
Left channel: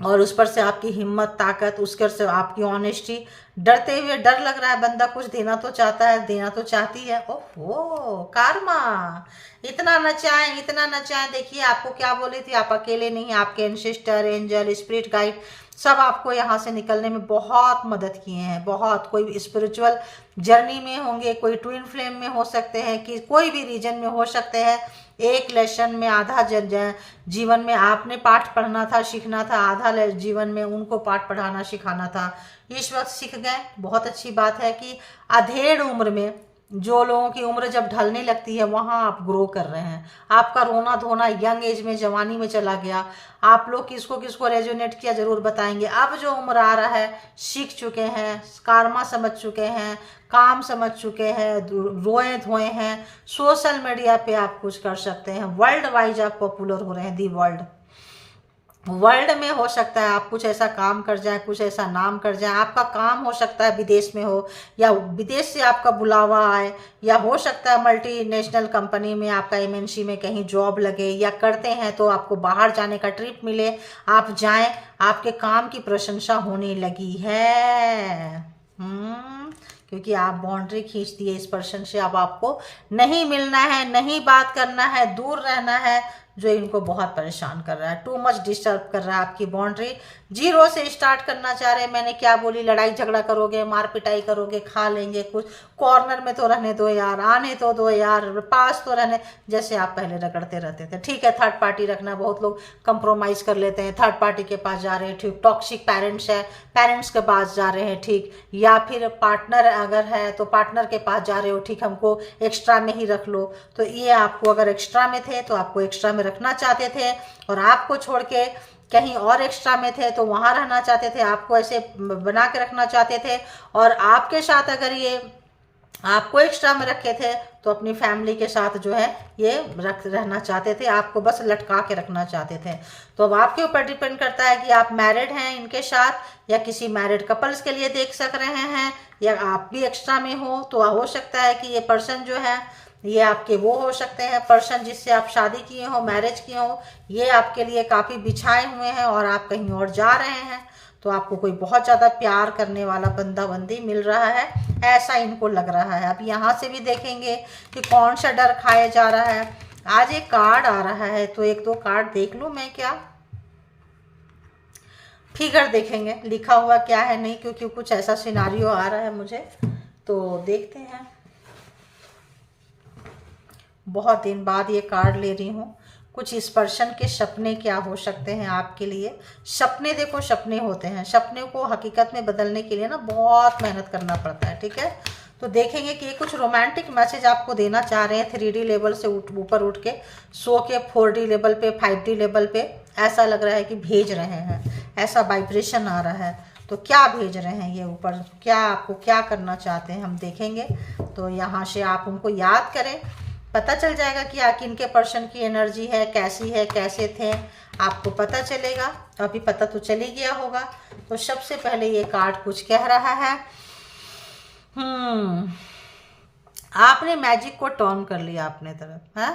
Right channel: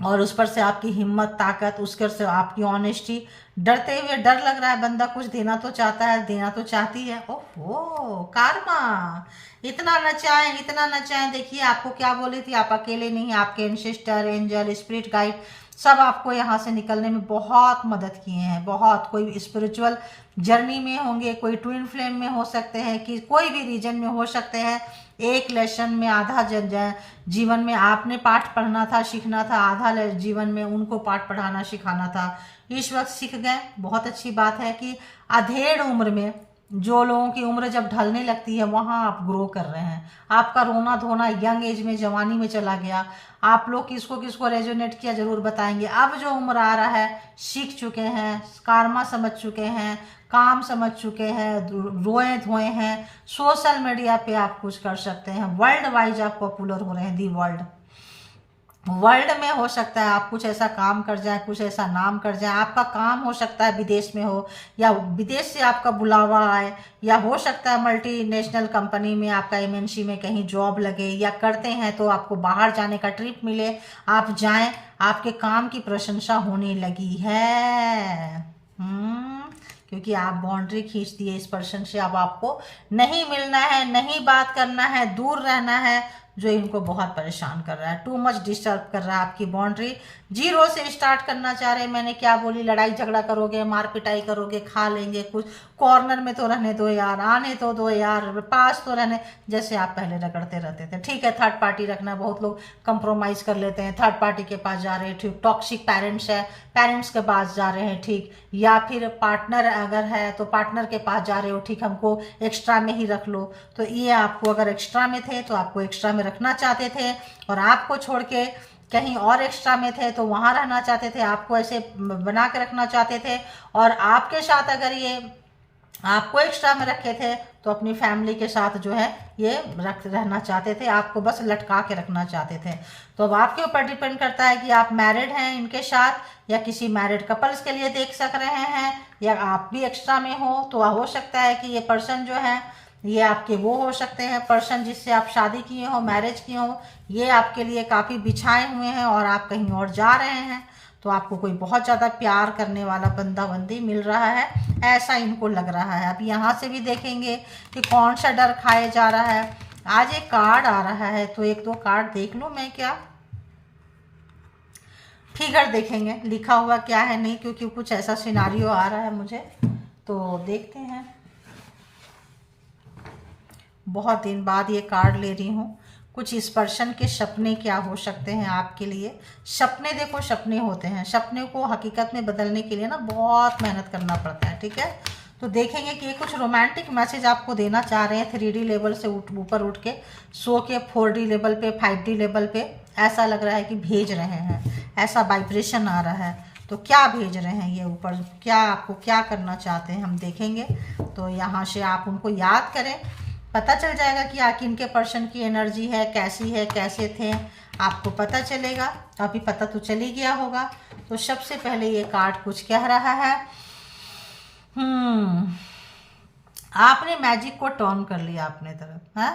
और उस पर से आपकी हिम्मत, ताकत, उसके से आपकी ऑनेस्टी, डरते हुए, डर लग रहा है, बंदा कुछ देना तो चाहता है, देना तो चाहती है। ओहो कार्मा, इतना नचाएं, इतना नचाएं। देखिए आपको क्या बोली थी, आप अकेले नहीं, आपके एंसेस्टर, एंजल, स्पिरिट गाइड सब आपको यहाँ से निकलने में बहुत मदद किए हैं, बहुत। कोई स्पिरिचुअल जर्नी में होंगे, कोई ट्विन फ्लेम में हो सकते हैं, कि कोई भी रीजन में हो सकते हैं। एक लेसन में आधा जीवन में आपने पाठ पढ़ना था, सीखना था, आधा जीवन में उनको पाठ पढ़ाना सिखाना था। इस वक्त सीख गए, बहुत अच्छी बात है कि अधेड़ उम्र में, जो लोगों की उम्र जब ढलने लगती है वहाँ आप ग्रो कर रहे हैं। आपका रोना धोना यंग एज में, जवानी में चला गया। आप लोग किसको किसको रेजोनेट किया जरूर बताएंगे। अब जो उम्र आ रहा है, सीख चुके हैं, कार्मा समझ चुके हैं, काम समझ चुके हैं, रोए धोए हैं, सोशल मीडिया पे आप कुछ कर सकते हैं, वर्ल्ड वाइज आप पॉपुलर हो रहे हैं, दी वर्ल्ड में हो सकता है आप कुछ ऐसा काम कर जाए, कुछ ऐसा नाम कर जाए। आपका काम हो सकता है विदेश में हो, या विदेश से आपका बुलावा आए, या हो सकता है मल्टीनेशनल कंपनी में आपका एमएनसी में कहीं जॉब लगे, या करते हैं तो आपको बाहर जाने का ट्रिप मिले, आप जाएं, आपके काम की प्रशंसा होने लगी है। क्योंकि आप बाउंड्री खींच दिए इस पर्सन से, अब आपको नहीं मिलना है, नहीं बात करना है, दूर रहना है, जो इनको बहुत परेशान कर रहा है, टू मच डिस्टर्ब कर रहा है आपकी बाउंड्री। जीरो से स्टार्ट करना चाह रहे हैं। मैंने क्या बोली, लड़ाई झगड़ा करोगे, मार पिटाई करोगे, खा लेंगे कुछ, कॉर्नर में तो रहने दो यार, आने तो दो यार, पास तो रहने, जैसे आप पहले रगड़ते रहते थे। ठीक है, थर्ड पार्टी रखना, बहुत लोग कंप्रोमाइज कर लेते हैं, थर्ड पार्टी के पास जा रहे हैं, ठीक। टॉक्सिक पेरेंट्स है, पेरेंट्स के पास जा रहे हैं, ठीक। या फिर पार्टनर अगर है तो पार्टनर के पास जा रहे हो, ठीक, हमको एक्स्ट्रा में ही रख लो। तो ये आपको अगर एक्स्ट्रा में थे तो आपको एक्स्ट्रा में रखना चाहते थे, और आपको छोड़ के कहीं और एक्स्ट्रा में थे तो वहां रहना चाहते थे, आपको ऐसे बना के रखना चाहते थे। और आपके साथ अगर ये आपको एक्स्ट्रा में रखे थे तो अपनी फैमिली के साथ जो है ये रहना चाहते थे, आपको बस लटका के रखना चाहते थे। तो अब आपके ऊपर डिपेंड करता है कि आप मैरिड हैं इनके साथ या किसी मैरिड कपल्स के लिए देख सक रहे हैं, या आप भी एक्स्ट्रा में हो। तो हो सकता है कि ये पर्सन जो है ये आपके वो हो सकते हैं, पर्सन जिससे आप शादी किए हो, मैरिज किए हो, ये आपके लिए काफ़ी बिछाए हुए हैं और आप कहीं और जा रहे हैं। तो आपको कोई बहुत ज़्यादा प्यार करने वाला बंदा बंदी मिल रहा है, ऐसा इनको लग रहा है। अब यहाँ से भी देखेंगे कि कौन सा डर खाया जा रहा है। आज एक कार्ड आ रहा है, तो एक दो कार्ड देख लूँ मैं क्या, फिगर देखेंगे लिखा हुआ क्या है नहीं, क्योंकि कुछ ऐसा सिनारियो आ रहा है मुझे, तो देखते हैं। बहुत दिन बाद ये कार्ड ले रही हूँ। कुछ इस पर्सन के सपने क्या हो सकते हैं आपके लिए। सपने देखो, सपने होते हैं, सपने को हकीकत में बदलने के लिए ना बहुत मेहनत करना पड़ता है, ठीक है। तो देखेंगे कि ये कुछ रोमांटिक मैसेज आपको देना चाह रहे हैं। 3D लेवल से ऊपर उठ के सो के 4D लेवल पे, 5D लेवल पे ऐसा लग रहा है कि भेज रहे हैं, ऐसा वाइब्रेशन आ रहा है। तो क्या भेज रहे हैं ये ऊपर, क्या आपको क्या करना चाहते हैं हम देखेंगे। तो यहाँ से आप उनको याद करें, पता चल जाएगा कि आखिर इनके पर्सन की एनर्जी है कैसी है, कैसे थे, आपको पता चलेगा। अभी पता तो चल ही गया होगा। तो सबसे पहले ये कार्ड कुछ कह रहा है। आपने मैजिक को टर्न कर लिया अपने तरफ है,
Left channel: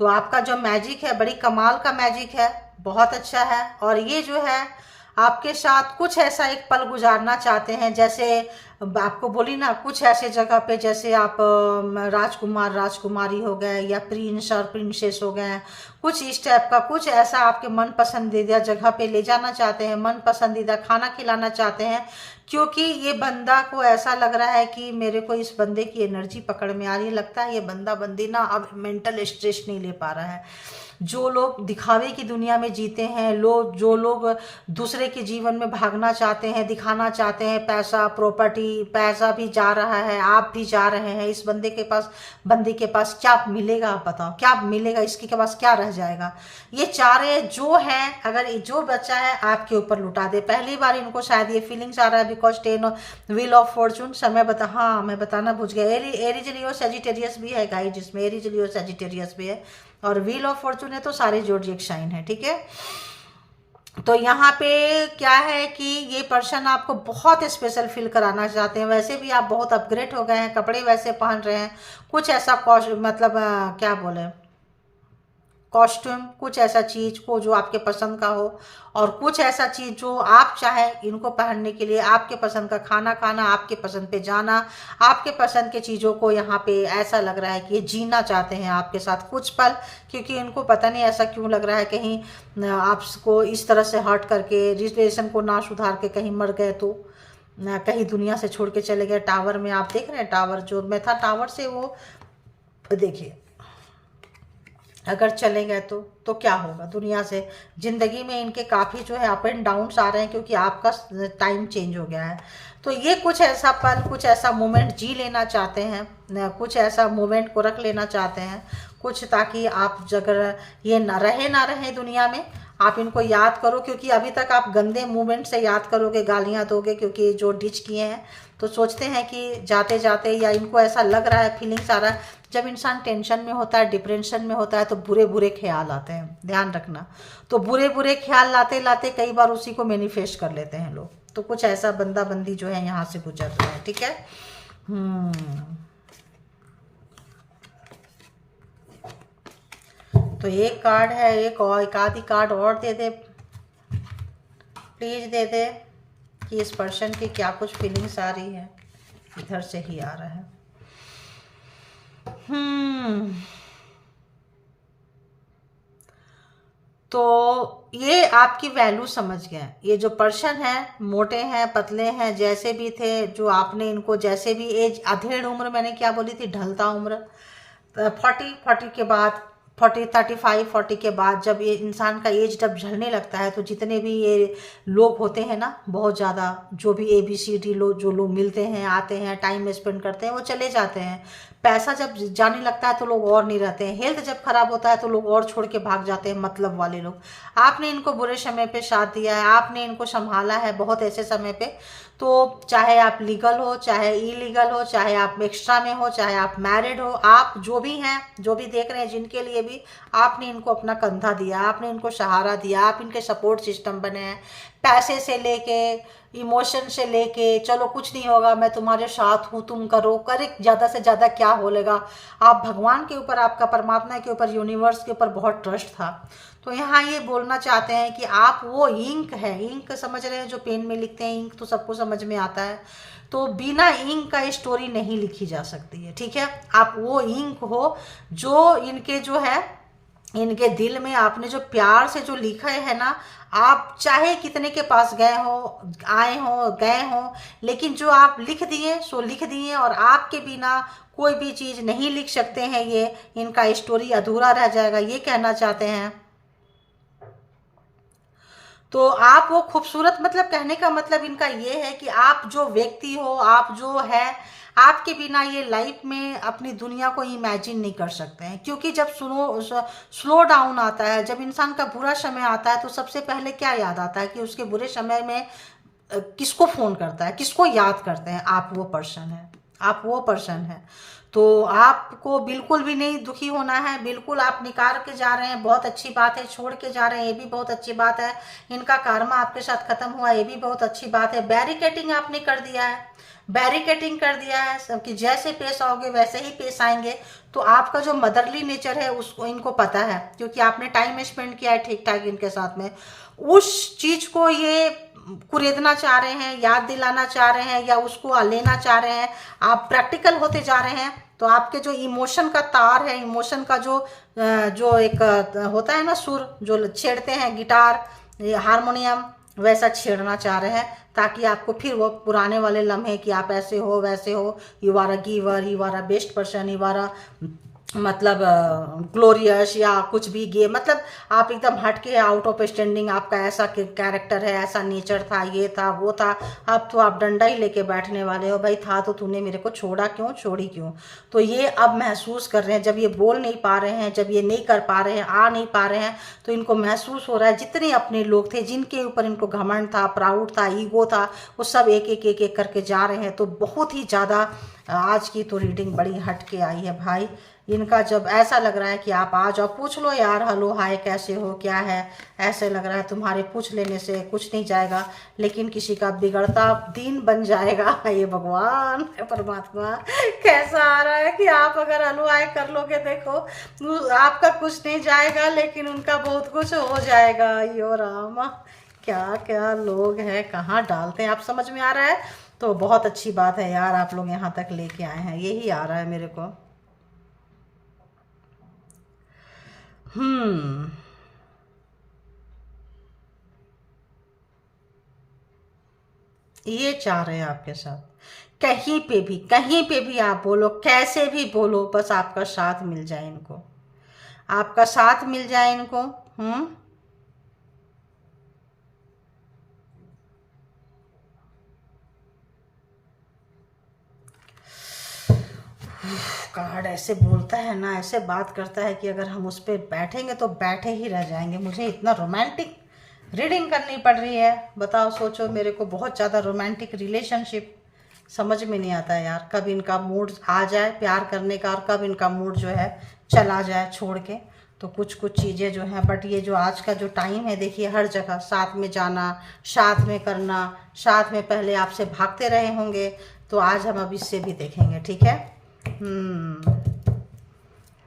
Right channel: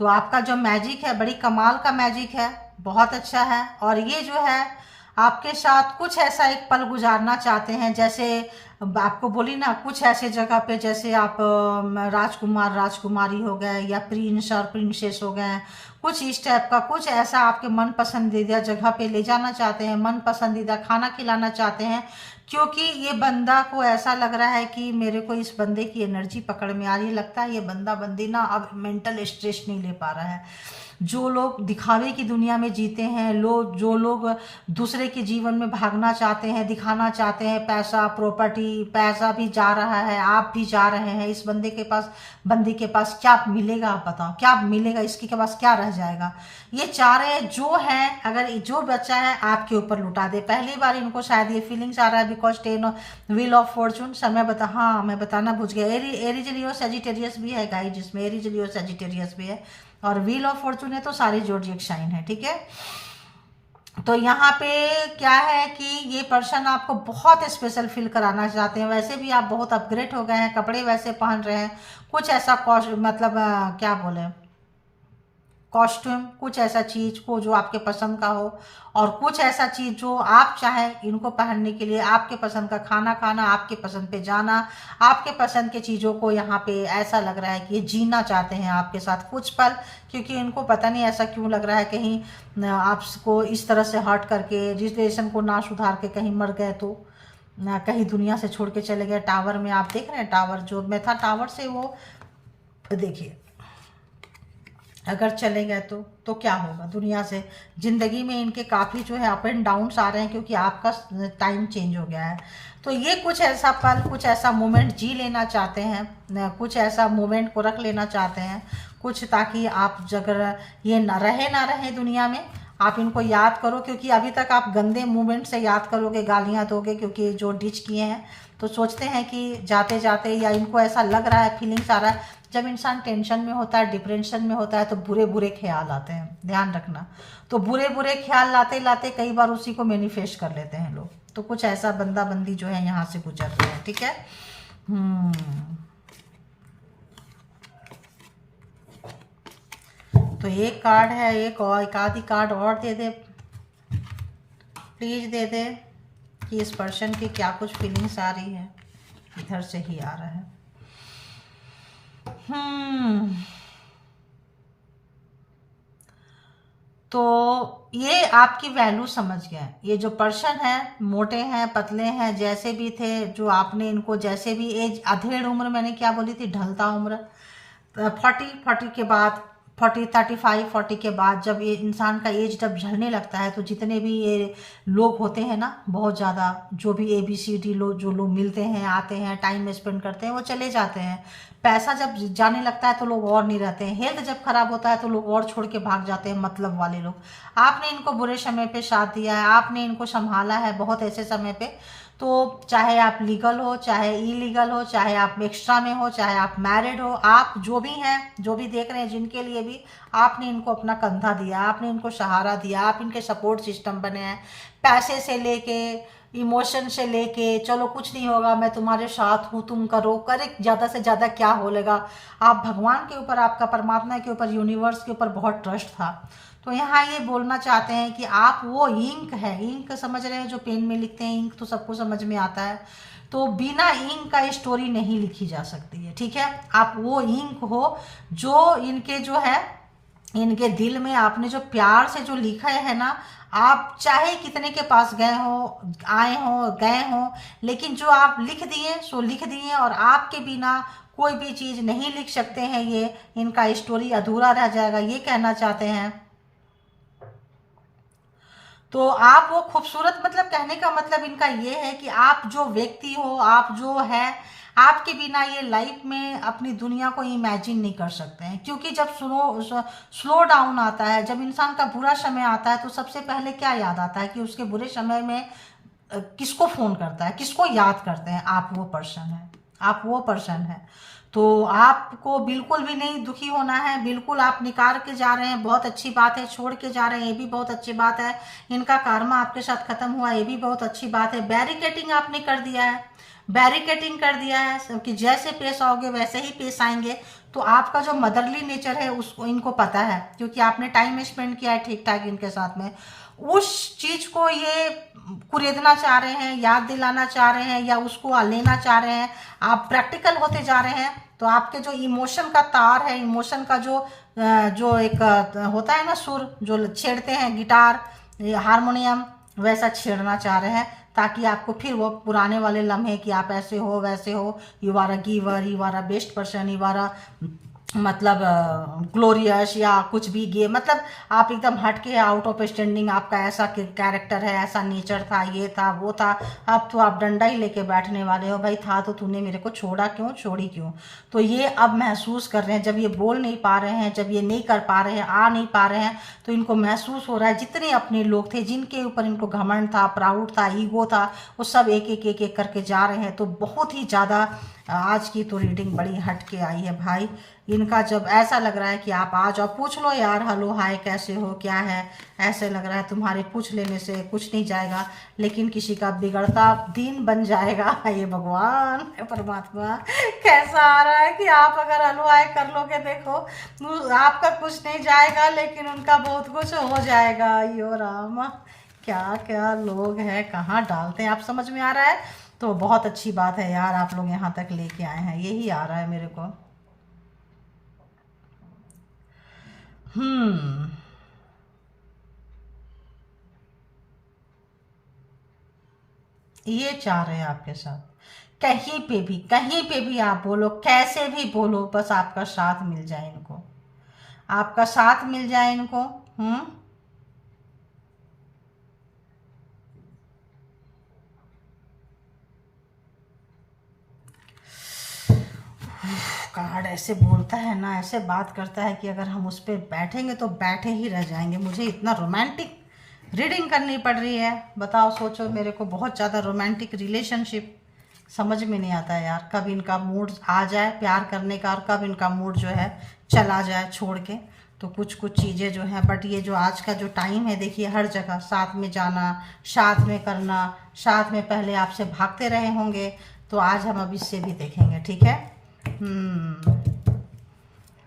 तो आपका जो मैजिक है बड़ी कमाल का मैजिक है, बहुत अच्छा है। और ये जो है आपके साथ कुछ ऐसा एक पल गुजारना चाहते हैं, जैसे आपको बोली ना, कुछ ऐसे जगह पे जैसे आप राजकुमार राजकुमारी हो गए या प्रिंस और प्रिंसेस हो गए, कुछ इस टाइप का, कुछ ऐसा आपके मन पसंदीदा जगह पे ले जाना चाहते हैं, मन पसंदीदा खाना खिलाना चाहते हैं। क्योंकि ये बंदा को ऐसा लग रहा है कि मेरे को इस बंदे की एनर्जी पकड़ में आ रही है, लगता है ये बंदा बंदी ना अब मेंटल स्ट्रेस नहीं ले पा रहा है। जो लोग दिखावे की दुनिया में जीते हैं, जो लोग दूसरे के जीवन में भागना चाहते हैं, दिखाना चाहते हैं, पैसा प्रॉपर्टी, पैसा भी जा रहा है, आप भी जा रहे हैं, इस बंदे के पास, बंदी के पास क्या मिलेगा, आप बताओ क्या मिलेगा, इसके के पास क्या रह जाएगा। ये चाह रहे हैं जो है, अगर जो बच्चा है आपके ऊपर लुटा दे। पहली बार इनको शायद ये फीलिंग्स आ रहा है, बिकॉज 10 व्हील ऑफ फॉर्चून, समय हाँ मैं बताना भूल गया, एरीज लियो सजिटेरियस भी है गाइस, जिसमें एरीज लियो सजिटेरियस भी है, और व्हील ऑफ फॉर्चून है तो सारे जोडिएक साइन है, ठीक है। तो यहाँ पे क्या है कि ये पर्सन आपको बहुत स्पेशल फील कराना चाहते हैं। वैसे भी आप बहुत अपग्रेड हो गए हैं, कपड़े वैसे पहन रहे हैं, कुछ ऐसा मतलब क्या बोले, कॉस्ट्यूम, कुछ ऐसा चीज को जो आपके पसंद का हो, और कुछ ऐसा चीज जो आप चाहें इनको पहनने के लिए, आपके पसंद का खाना खाना, आपके पसंद पे जाना, आपके पसंद के चीज़ों को यहाँ पे ऐसा लग रहा है कि ये जीना चाहते हैं आपके साथ कुछ पल। क्योंकि इनको पता नहीं ऐसा क्यों लग रहा है, कहीं आपको इस तरह से हर्ट करके, रिलेशन को ना सुधार के कहीं मर गए, तो कहीं दुनिया से छोड़ के चले गए। टावर में आप देख रहे हैं, टावर जो मैं था, टावर से वो देखिए अगर चले गए तो क्या होगा दुनिया से। ज़िंदगी में इनके काफ़ी जो है अप एंड डाउन्स आ रहे हैं, क्योंकि आपका टाइम चेंज हो गया है। तो ये कुछ ऐसा पल, कुछ ऐसा मोमेंट जी लेना चाहते हैं, कुछ ऐसा मोमेंट को रख लेना चाहते हैं कुछ, ताकि आप अगर ये ना रहे दुनिया में, आप इनको याद करो। क्योंकि अभी तक आप गंदे मूवमेंट से याद करोगे, गालियाँ दोगे, क्योंकि जो डिच किए हैं, तो सोचते हैं कि जाते जाते, या इनको ऐसा लग रहा है, फीलिंग्स आ रहा है, जब इंसान टेंशन में होता है, डिप्रेशन में होता है, तो बुरे बुरे ख्याल आते हैं, ध्यान रखना। तो बुरे बुरे ख्याल लाते लाते कई बार उसी को मैनिफेस्ट कर लेते हैं लोग। तो कुछ ऐसा बंदा बंदी जो है यहाँ से गुजर रहा है, ठीक है। तो एक कार्ड है, एक आधी कार्ड और दे दे प्लीज, दे दे कि इस पर्सन की क्या कुछ फीलिंग्स आ रही है। इधर से ही आ रहा है। तो ये आपकी वैल्यू समझ गए। ये जो पर्सन है, मोटे हैं, पतले हैं, जैसे भी थे, जो आपने इनको जैसे भी एज, अधेड़ उम्र मैंने क्या बोली थी, ढलता उम्र, 40 के बाद, 40 35 40 के बाद जब ये इंसान का एज जब झड़ने लगता है, तो जितने भी ये लोग होते हैं ना, बहुत ज़्यादा, जो भी ABCD लोग, जो लोग मिलते हैं, आते हैं, टाइम स्पेंड करते हैं, वो चले जाते हैं। पैसा जब जाने लगता है तो लोग और नहीं रहते हैं। हेल्थ जब खराब होता है तो लोग और छोड़ के भाग जाते हैं, मतलब वाले लोग। आपने इनको बुरे समय पे साथ दिया है, आपने इनको संभाला है बहुत ऐसे समय पे। तो चाहे आप लीगल हो, चाहे इलीगल हो, चाहे आप एक्स्ट्रा में हो, चाहे आप मैरिड हो, आप जो भी हैं, जो भी देख रहे हैं, जिनके लिए भी आपने इनको अपना कंधा दिया, आपने इनको सहारा दिया, आप इनके सपोर्ट सिस्टम बने हैं। पैसे से लेके, इमोशन से लेके, चलो कुछ नहीं होगा, मैं तुम्हारे साथ हूँ, तुम करो, करे, ज़्यादा से ज़्यादा क्या होलेगा। आप भगवान के ऊपर, आपका परमात्मा के ऊपर, यूनिवर्स के ऊपर बहुत ट्रस्ट था। तो यहाँ ये बोलना चाहते हैं कि आप वो इंक है, इंक समझ रहे हैं, जो पेन में लिखते हैं, इंक तो सबको समझ में आता है। तो बिना इंक का स्टोरी नहीं लिखी जा सकती है, ठीक है। आप वो इंक हो जो इनके जो है, इनके दिल में आपने जो प्यार से जो लिखा है ना, आप चाहे कितने के पास गए हो, आए हो, गए हो, लेकिन जो आप लिख दिए सो लिख दिए, और आपके बिना कोई भी चीज़ नहीं लिख सकते हैं। ये इनका स्टोरी अधूरा रह जाएगा, ये कहना चाहते हैं। तो आप वो खूबसूरत, मतलब कहने का मतलब इनका ये है कि आप जो व्यक्ति हो, आप जो है, आपके बिना ये लाइफ में अपनी दुनिया को इमेजिन नहीं कर सकते हैं। क्योंकि जब स्लो डाउन आता है, जब इंसान का बुरा समय आता है, तो सबसे पहले क्या याद आता है कि उसके बुरे समय में किसको फ़ोन करता है, किसको याद करते हैं। आप वो पर्सन है, आप वो पर्सन है। तो आपको बिल्कुल भी नहीं दुखी होना है, बिल्कुल आप निकाल के जा रहे हैं, बहुत अच्छी बात है। छोड़ के जा रहे हैं, ये भी बहुत अच्छी बात है। इनका कर्मा आपके साथ खत्म हुआ, ये भी बहुत अच्छी बात है। बैरिकेटिंग आपने कर दिया है, बैरिकेटिंग कर दिया है, सबकी जैसे पेश आओगे वैसे ही पेश आएंगे। तो आपका जो मदरली नेचर है उसको इनको पता है, क्योंकि आपने टाइम स्पेंड किया है ठीक ठाक इनके साथ में। उस चीज को ये कुरेदना चाह रहे हैं, याद दिलाना चाह रहे हैं, या उसको लेना चाह रहे हैं। आप प्रैक्टिकल होते जा रहे हैं, तो आपके जो इमोशन का तार है, इमोशन का जो एक होता है ना, सुर जो छेड़ते हैं, गिटार, हारमोनियम, वैसा छेड़ना चाह रहे हैं, ताकि आपको फिर वो पुराने वाले लम्हे कि आप ऐसे हो, वैसे हो, you are a giver, you are a best person, you are a मतलब ग्लोरियस, या कुछ भी गे, मतलब आप एकदम हटके, आउट ऑफ स्टैंडिंग, आपका ऐसा कैरेक्टर है, ऐसा नेचर था, ये था, वो था। अब तो आप डंडा ही लेके बैठने वाले हो, भाई था तो तूने मेरे को छोड़ा क्यों, छोड़ी क्यों। तो ये अब महसूस कर रहे हैं, जब ये बोल नहीं पा रहे हैं, जब ये नहीं कर पा रहे हैं, आ नहीं पा रहे हैं, तो इनको महसूस हो रहा है जितने अपने लोग थे, जिनके ऊपर इनको घमंड था, प्राउड था, ईगो था, वो सब एक एक एक एक करके जा रहे हैं। तो बहुत ही ज़्यादा आज की तो रीडिंग बड़ी हट के आई है भाई। इनका जब ऐसा लग रहा है कि आप आ जाओ, पूछ लो यार, हेलो हाय, कैसे हो, क्या है, ऐसे लग रहा है तुम्हारे पूछ लेने से कुछ नहीं जाएगा, लेकिन किसी का बिगड़ता दिन बन जाएगा। ये भगवान परमात्मा कैसा आ रहा है कि आप अगर हेलो हाय कर लोगे, देखो आपका कुछ नहीं जाएगा, लेकिन उनका बहुत कुछ हो जाएगा। यो राम, क्या क्या लोग हैं, कहाँ डालते हैं, आप समझ में आ रहा है। तो बहुत अच्छी बात है यार, आप लोग यहाँ तक लेके आए हैं, यही आ रहा है मेरे को। हम्म, ये चाह रहे हैं आपके साथ। कहीं पे भी, कहीं पे भी आप बोलो, कैसे भी बोलो, बस आपका साथ मिल जाए इनको, आपका साथ मिल जाए इनको। हम्म, कार्ड ऐसे बोलता है ना, ऐसे बात करता है कि अगर हम उस पर बैठेंगे तो बैठे ही रह जाएंगे। मुझे इतना रोमांटिक रीडिंग करनी पड़ रही है, बताओ, सोचो, मेरे को बहुत ज़्यादा रोमांटिक रिलेशनशिप समझ में नहीं आता है यार। कब इनका मूड आ जाए प्यार करने का, और कब इनका मूड जो है चला जाए छोड़ के। तो कुछ कुछ चीज़ें जो हैं, बट ये जो आज का जो टाइम है, देखिए हर जगह साथ में जाना, साथ में करना, साथ में पहले आपसे भागते रहे होंगे, तो आज हम अब इससे भी देखेंगे, ठीक है।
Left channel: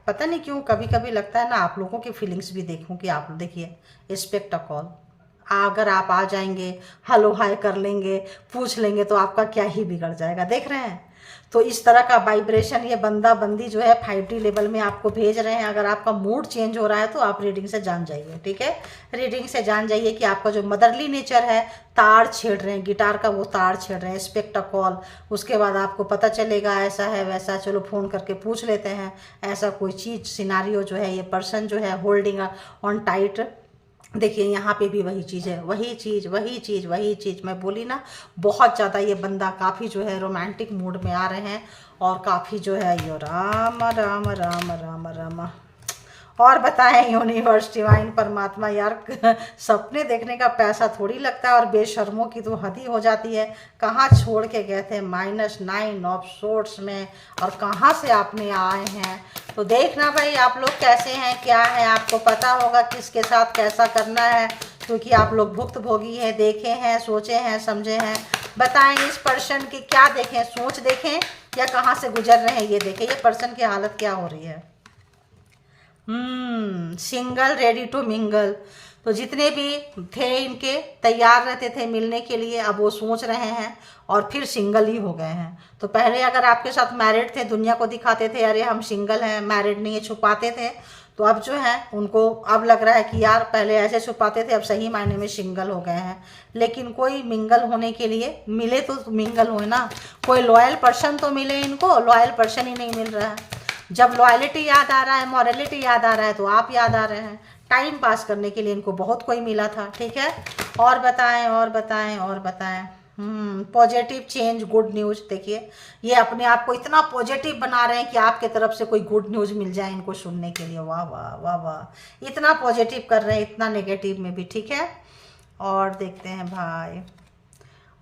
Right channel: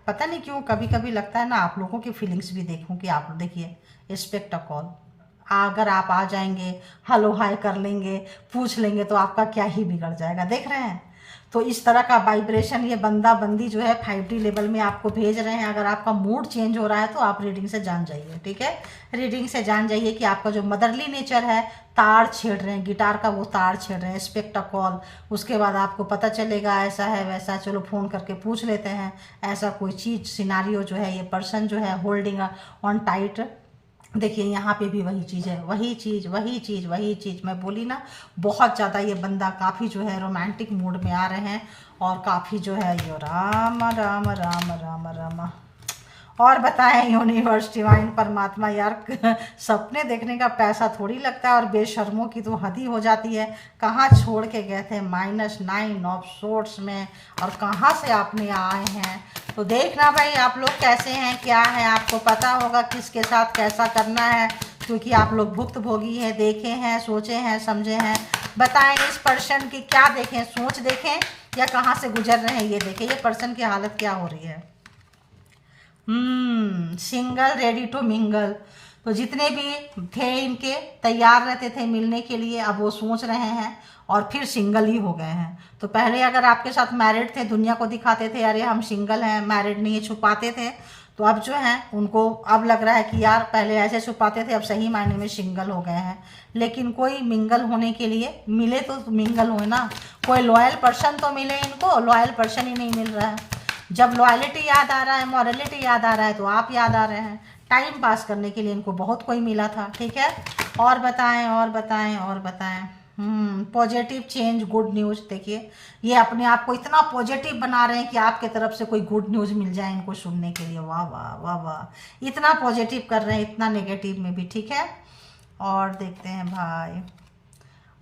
पता नहीं क्यों कभी कभी लगता है ना, आप लोगों की फीलिंग्स भी देखूं कि आप देखिए, रिस्पेक्ट अ कॉल, अगर आप आ जाएंगे, हेलो हाय कर लेंगे, पूछ लेंगे, तो आपका क्या ही बिगड़ जाएगा, देख रहे हैं। तो इस तरह का वाइब्रेशन ये बंदा बंदी जो है 5D लेवल में आपको भेज रहे हैं। अगर आपका मूड चेंज हो रहा है तो आप रीडिंग से जान जाइए, ठीक है। रीडिंग से जान जाइए कि आपका जो मदरली नेचर है, तार छेड़ रहे हैं, गिटार का वो तार छेड़ रहे हैं, एक्सपेक्ट अ कॉल। उसके बाद आपको पता चलेगा ऐसा है वैसा, चलो फ़ोन करके पूछ लेते हैं, ऐसा कोई चीज़ सिनारियो जो है, ये पर्सन जो है होल्डिंग ऑन टाइट। देखिए यहाँ पे भी वही चीज़ है, वही चीज़ वही चीज़ वही चीज़ मैं बोली ना। बहुत ज़्यादा ये बंदा काफ़ी जो है रोमांटिक मूड में आ रहे हैं, और काफ़ी जो है यो राम राम राम राम राम। और बताएं यूनिवर्स, डिवाइन, परमात्मा, यार सपने देखने का पैसा थोड़ी लगता है, और बेशर्मों की तो हद ही हो जाती है। कहाँ छोड़ के गए थे -9 ऑफ सोर्ट्स में, और कहाँ से आपने आए हैं। तो देखना भाई आप लोग कैसे हैं, क्या है, आपको पता होगा किसके साथ कैसा करना है, क्योंकि आप लोग भुक्तभोगी हैं, देखे हैं, सोचे हैं, समझे हैं। बताएं इस पर्सन की क्या देखें, सोच देखें या कहाँ से गुजर रहे हैं, ये देखें ये पर्सन की हालत क्या हो रही है। Single, ready to mingle. तो जितने भी थे इनके तैयार रहते थे मिलने के लिए, अब वो सोच रहे हैं और फिर सिंगल ही हो गए हैं। तो पहले अगर आपके साथ मैरिड थे, दुनिया को दिखाते थे अरे हम सिंगल हैं, मैरिड नहीं है, छुपाते थे। तो अब जो है उनको अब लग रहा है कि यार पहले ऐसे छुपाते थे, अब सही मायने में सिंगल हो गए हैं। लेकिन कोई मिंगल होने के लिए मिले तो मिंगल हो ना, कोई लॉयल पर्सन तो मिले इनको, लॉयल पर्सन ही नहीं मिल रहा है। जब लॉयलिटी याद आ रहा है, मॉरलिटी याद आ रहा है, तो आप याद आ रहे हैं। टाइम पास करने के लिए इनको बहुत कोई मिला था, ठीक है। और बताएं और बताएं और बताएं। Positive change, good news. देखिए ये अपने आप को इतना पॉजिटिव बना रहे हैं कि आपके तरफ से कोई गुड न्यूज़ मिल जाए इनको सुनने के लिए। वाह वाह वाह वाह, इतना पॉजिटिव कर रहे हैं, इतना नेगेटिव में भी, ठीक है। और देखते हैं भाई,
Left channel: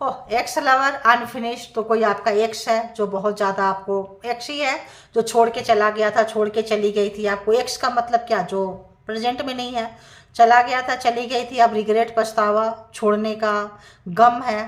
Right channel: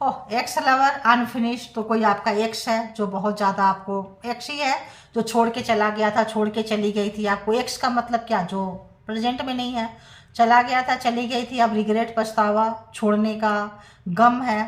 ओह एक्स लवर अनफिनिश। तो कोई आपका एक्स है जो बहुत ज़्यादा आपको, एक्स ही है जो छोड़ के चला गया था, छोड़ के चली गई थी आपको। एक्स का मतलब क्या, जो प्रेजेंट में नहीं है, चला गया था, चली गई थी, अब रिग्रेट, पछतावा, छोड़ने का गम है।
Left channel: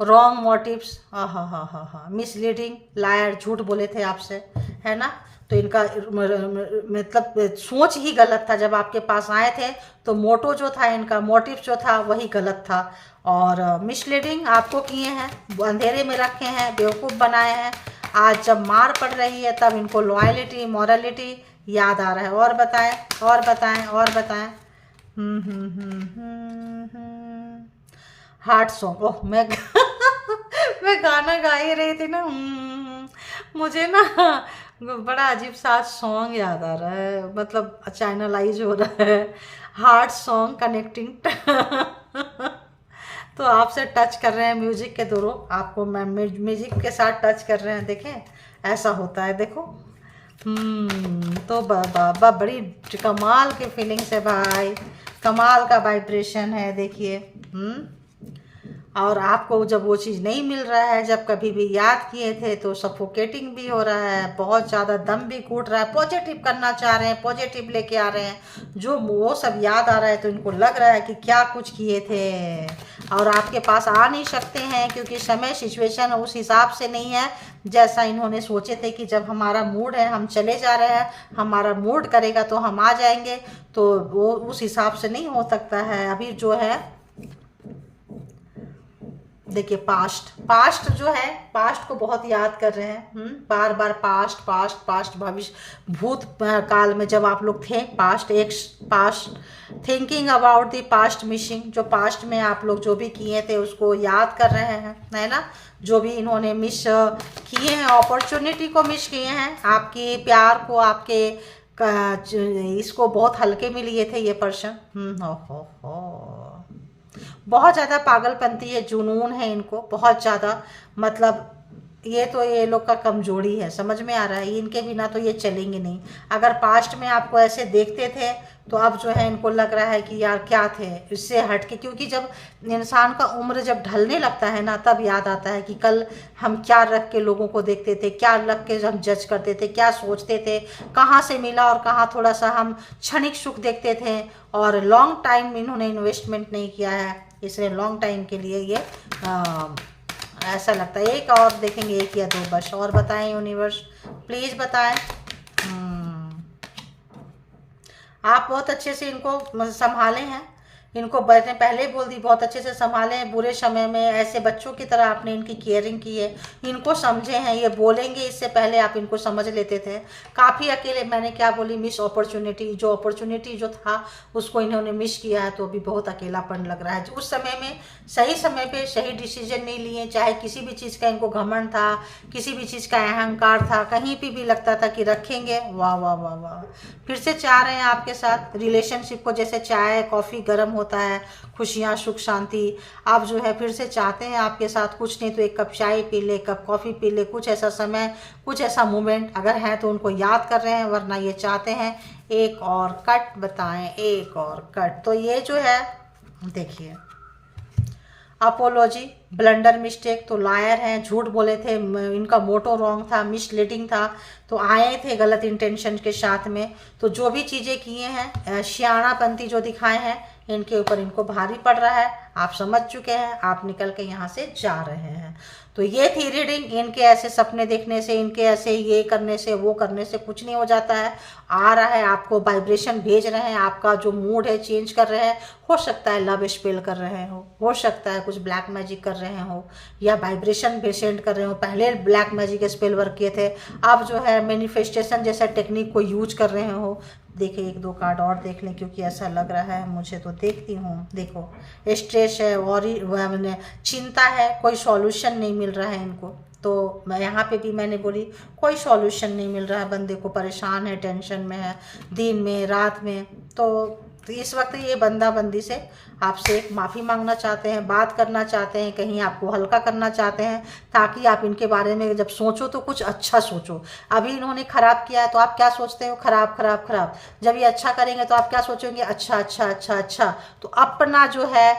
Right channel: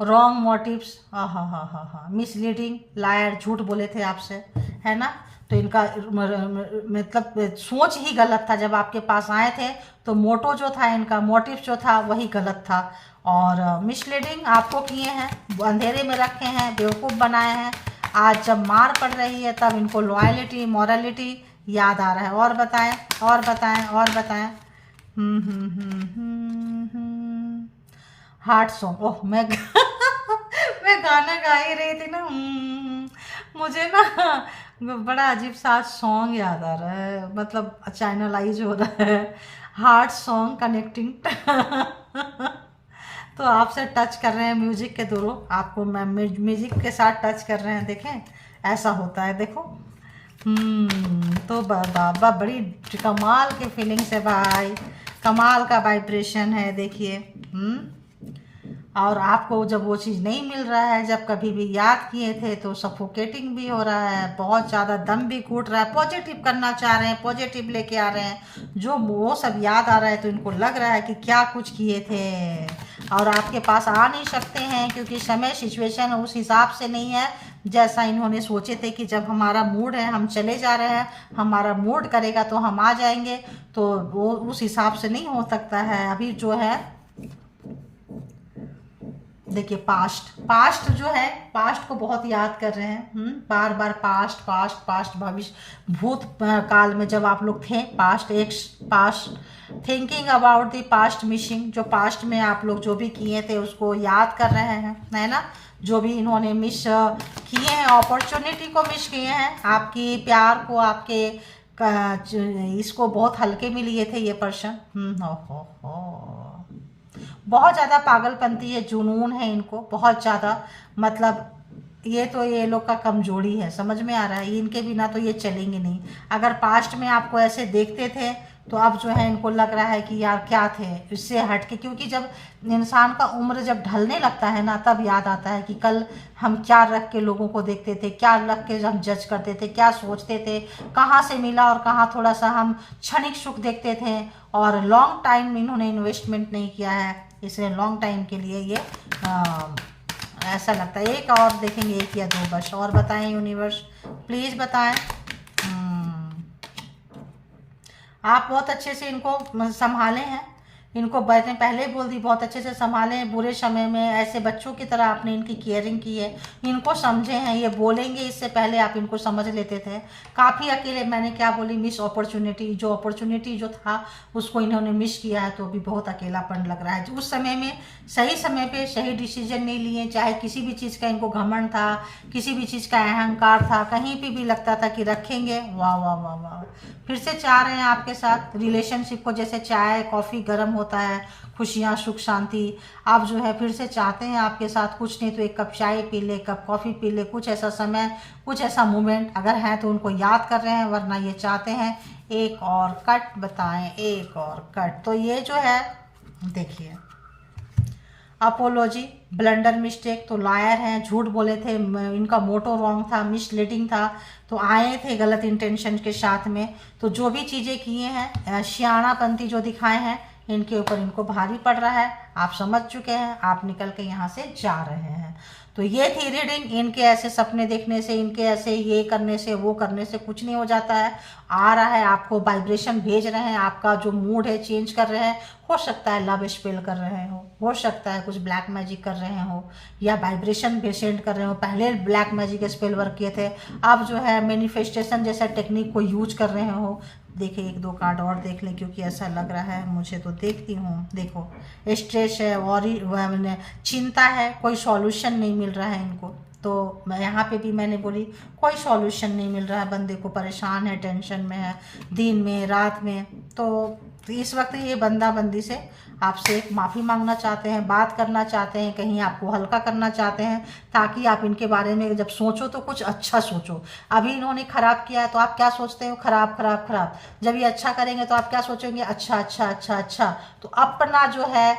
रॉन्ग मोटिव्स, हाँ, मिसलीडिंग, लायर, झूठ बोले थे आपसे, है ना। तो इनका मतलब सोच ही गलत था। जब आपके पास आए थे तो मोटो जो था इनका, मोटिव जो था वही गलत था। और मिसलीडिंग आपको किए हैं, अंधेरे में रखे हैं, बेवकूफ़ बनाए हैं। आज जब मार पड़ रही है तब इनको लॉयलिटी, मॉरलिटी याद आ रहा है। और बताएं और बताएं और बताएं। हार्ट सॉन्ग, ओह मैं मैं गाना गा ही रही थी ना, मुझे ना बड़ा अजीब सा सॉन्ग याद आ रहा है, मतलब चैनलाइज हो रहा है। हार्ट सॉन्ग कनेक्टिंग तो आपसे टच कर रहे हैं म्यूजिक के थ्रू, आपको मैं म्यूजिक के साथ टच कर रहे हैं। देखें ऐसा होता है, देखो। तो बाबा बड़ी कमाल की फीलिंग्स है भाई, कमाल का वाइब्रेशन है, देखिए। और आपको जब वो चीज़ नहीं मिल रहा है, जब कभी भी याद किए थे तो सफोकेटिंग भी हो रहा है, बहुत ज़्यादा दम भी घुट रहा है। पॉजिटिव करना चाह रहे हैं, पॉजिटिव लेके आ रहे हैं, जो वो सब याद आ रहा है, तो इनको लग रहा है कि क्या कुछ किए थे और आपके पास आ नहीं सकते हैं, क्योंकि समय, सिचुएशन उस हिसाब से नहीं है जैसा इन्होंने सोचे थे कि जब हमारा मूड है हम चले जा रहे हैं, हमारा मूड करेगा तो हम आ जाएंगे। तो वो उस हिसाब से नहीं हो सकता है। अभी जो है देखिए, पास्ट जो है, पास्ट को बहुत याद कर रहे हैं, बार बार पास्ट भविष्य, भूत काल में जब आप लोग थे, past thinking about the past, missing, जो पास्ट में आप लोग जो भी किए थे उसको याद कर रहे हैं, है ना। जो भी इन्होंने मिस किए हैं, अपॉर्चुनिटी को मिस किए हैं, आपकी प्यार को, आपके इसको बहुत हल्के में लिए थे ये पर्सन। बहुत ज़्यादा पागलपंती है, जुनून है इनको बहुत ज़्यादा, मतलब ये लोग का कमजोरी है, समझ में आ रहा है। इनके बिना तो ये चलेंगे नहीं। अगर पास्ट में आपको ऐसे देखते थे तो अब जो है इनको लग रहा है कि यार क्या थे इससे हट के, क्योंकि जब इंसान का उम्र जब ढलने लगता है ना, तब याद आता है कि कल हम क्या रख के लोगों को देखते थे, क्या रख के हम जज करते थे, क्या सोचते थे, कहाँ से मिला और कहाँ थोड़ा सा हम क्षणिक सुख देखते थे, और लॉन्ग टाइम इन्होंने इन्वेस्टमेंट नहीं किया है, इसलिए लॉन्ग टाइम के लिए ये ऐसा लगता है। एक और देखेंगे, एक या दो बस। और बताएं यूनिवर्स, प्लीज़ बताएं। आप बहुत अच्छे से इनको संभाले हैं, इनको मैंने पहले बोल दी बहुत अच्छे से संभालें, बुरे समय में ऐसे बच्चों की तरह आपने इनकी केयरिंग की है, इनको समझे हैं, ये बोलेंगे इससे पहले आप इनको समझ लेते थे। काफ़ी अकेले, मैंने क्या बोली, मिस अपॉर्चुनिटी, जो अपॉर्चुनिटी जो था उसको इन्होंने मिस किया है, तो अभी बहुत अकेलापन लग रहा है। उस समय में सही समय पे सही डिसीजन नहीं लिए, चाहे किसी भी चीज़ का इनको घमंड था, किसी भी चीज़ का अहंकार था, कहीं पे भी लगता था कि रखेंगे, वाह वाह वाह वाह। फिर से चाह रहे हैं आपके साथ रिलेशनशिप को, जैसे चाय कॉफ़ी गर्म होता है, खुशियाँ सुख शांति, आप जो है फिर से चाहते हैं आपके साथ, कुछ नहीं तो एक कप चाय पी ले, कप कॉफ़ी पी ले, कुछ ऐसा समय, कुछ ऐसा मोमेंट अगर है तो उनको याद कर रहे हैं, वरना ये चाहते हैं एक और कट, बताएं एक और कट। तो ये जो है देखिए, अपोलॉजी, ब्लंडर, मिस्टेक, तो लायर हैं, झूठ बोले थे, इनका मोटो रॉन्ग था, मिसलीडिंग था, तो आए थे गलत इंटेंशन के साथ में, तो जो भी चीज़ें किए हैं, सियाणापंती जो दिखाए हैं, इनके ऊपर इनको भारी पड़ रहा है, आप समझ चुके हैं, आप निकल के यहाँ से जा रहे हैं। तो ये थी रीडिंग। इनके ऐसे सपने देखने से, इनके ऐसे ये करने से वो करने से कुछ नहीं हो जाता है। आ रहा है, आपको वाइब्रेशन भेज रहे हैं, आपका जो मूड है चेंज कर रहे हैं, हो सकता है लव स्पेल कर रहे हो सकता है कुछ ब्लैक मैजिक कर रहे हो, या वाइब्रेशन भी सेंड कर रहे हो। पहले ब्लैक मैजिक स्पेल वर्क किए थे, अब जो है मैनिफेस्टेशन जैसा टेक्निक को यूज कर रहे हो। देखिए एक दो कार्ड और देख लें, क्योंकि ऐसा लग रहा है मुझे, तो देखती हूँ। देखो स्ट्रेस है, वॉरी, चिंता है, कोई सॉल्यूशन नहीं मिल रहा है इनको। तो मैं यहाँ पे भी मैंने बोली कोई सॉल्यूशन नहीं मिल रहा है, बंदे को परेशान है, टेंशन में है, दिन में रात में। तो इस वक्त ये बंदा बंदी से आपसे माफ़ी मांगना चाहते हैं, बात करना चाहते हैं, कहीं आपको हल्का करना चाहते हैं, ताकि आप इनके बारे में जब सोचो तो कुछ अच्छा सोचो। अभी इन्होंने खराब किया है तो आप क्या सोचते हो, खराब खराब खराब। जब ये अच्छा करेंगे तो आप क्या सोचेंगे, अच्छा अच्छा अच्छा अच्छा। तो अपना जो है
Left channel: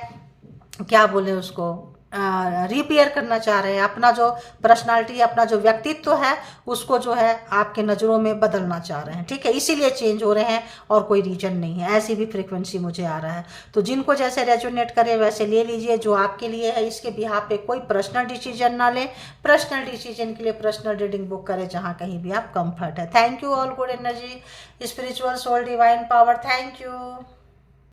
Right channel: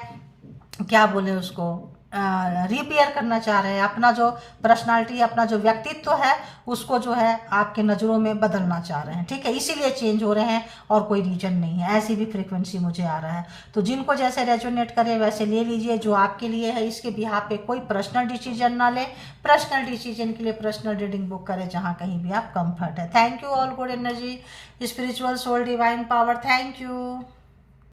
क्या बोले उसको, रिपेयर करना चाह रहे हैं, अपना जो पर्सनालिटी, अपना जो व्यक्तित्व है उसको जो है आपके नज़रों में बदलना चाह रहे हैं, ठीक है, इसीलिए चेंज हो रहे हैं, और कोई रीजन नहीं है। ऐसी भी फ्रीक्वेंसी मुझे आ रहा है। तो जिनको जैसे रेजोनेट करे वैसे ले लीजिए, जो आपके लिए है। इसके बिहाफ पे कोई पर्सनल डिसीजन ना लें, पर्सनल डिसीजन के लिए पर्सनल रीडिंग बुक करें, जहाँ कहीं भी आप कंफर्ट है। Thank you all, good energy, spiritual soul, divine power, thank you.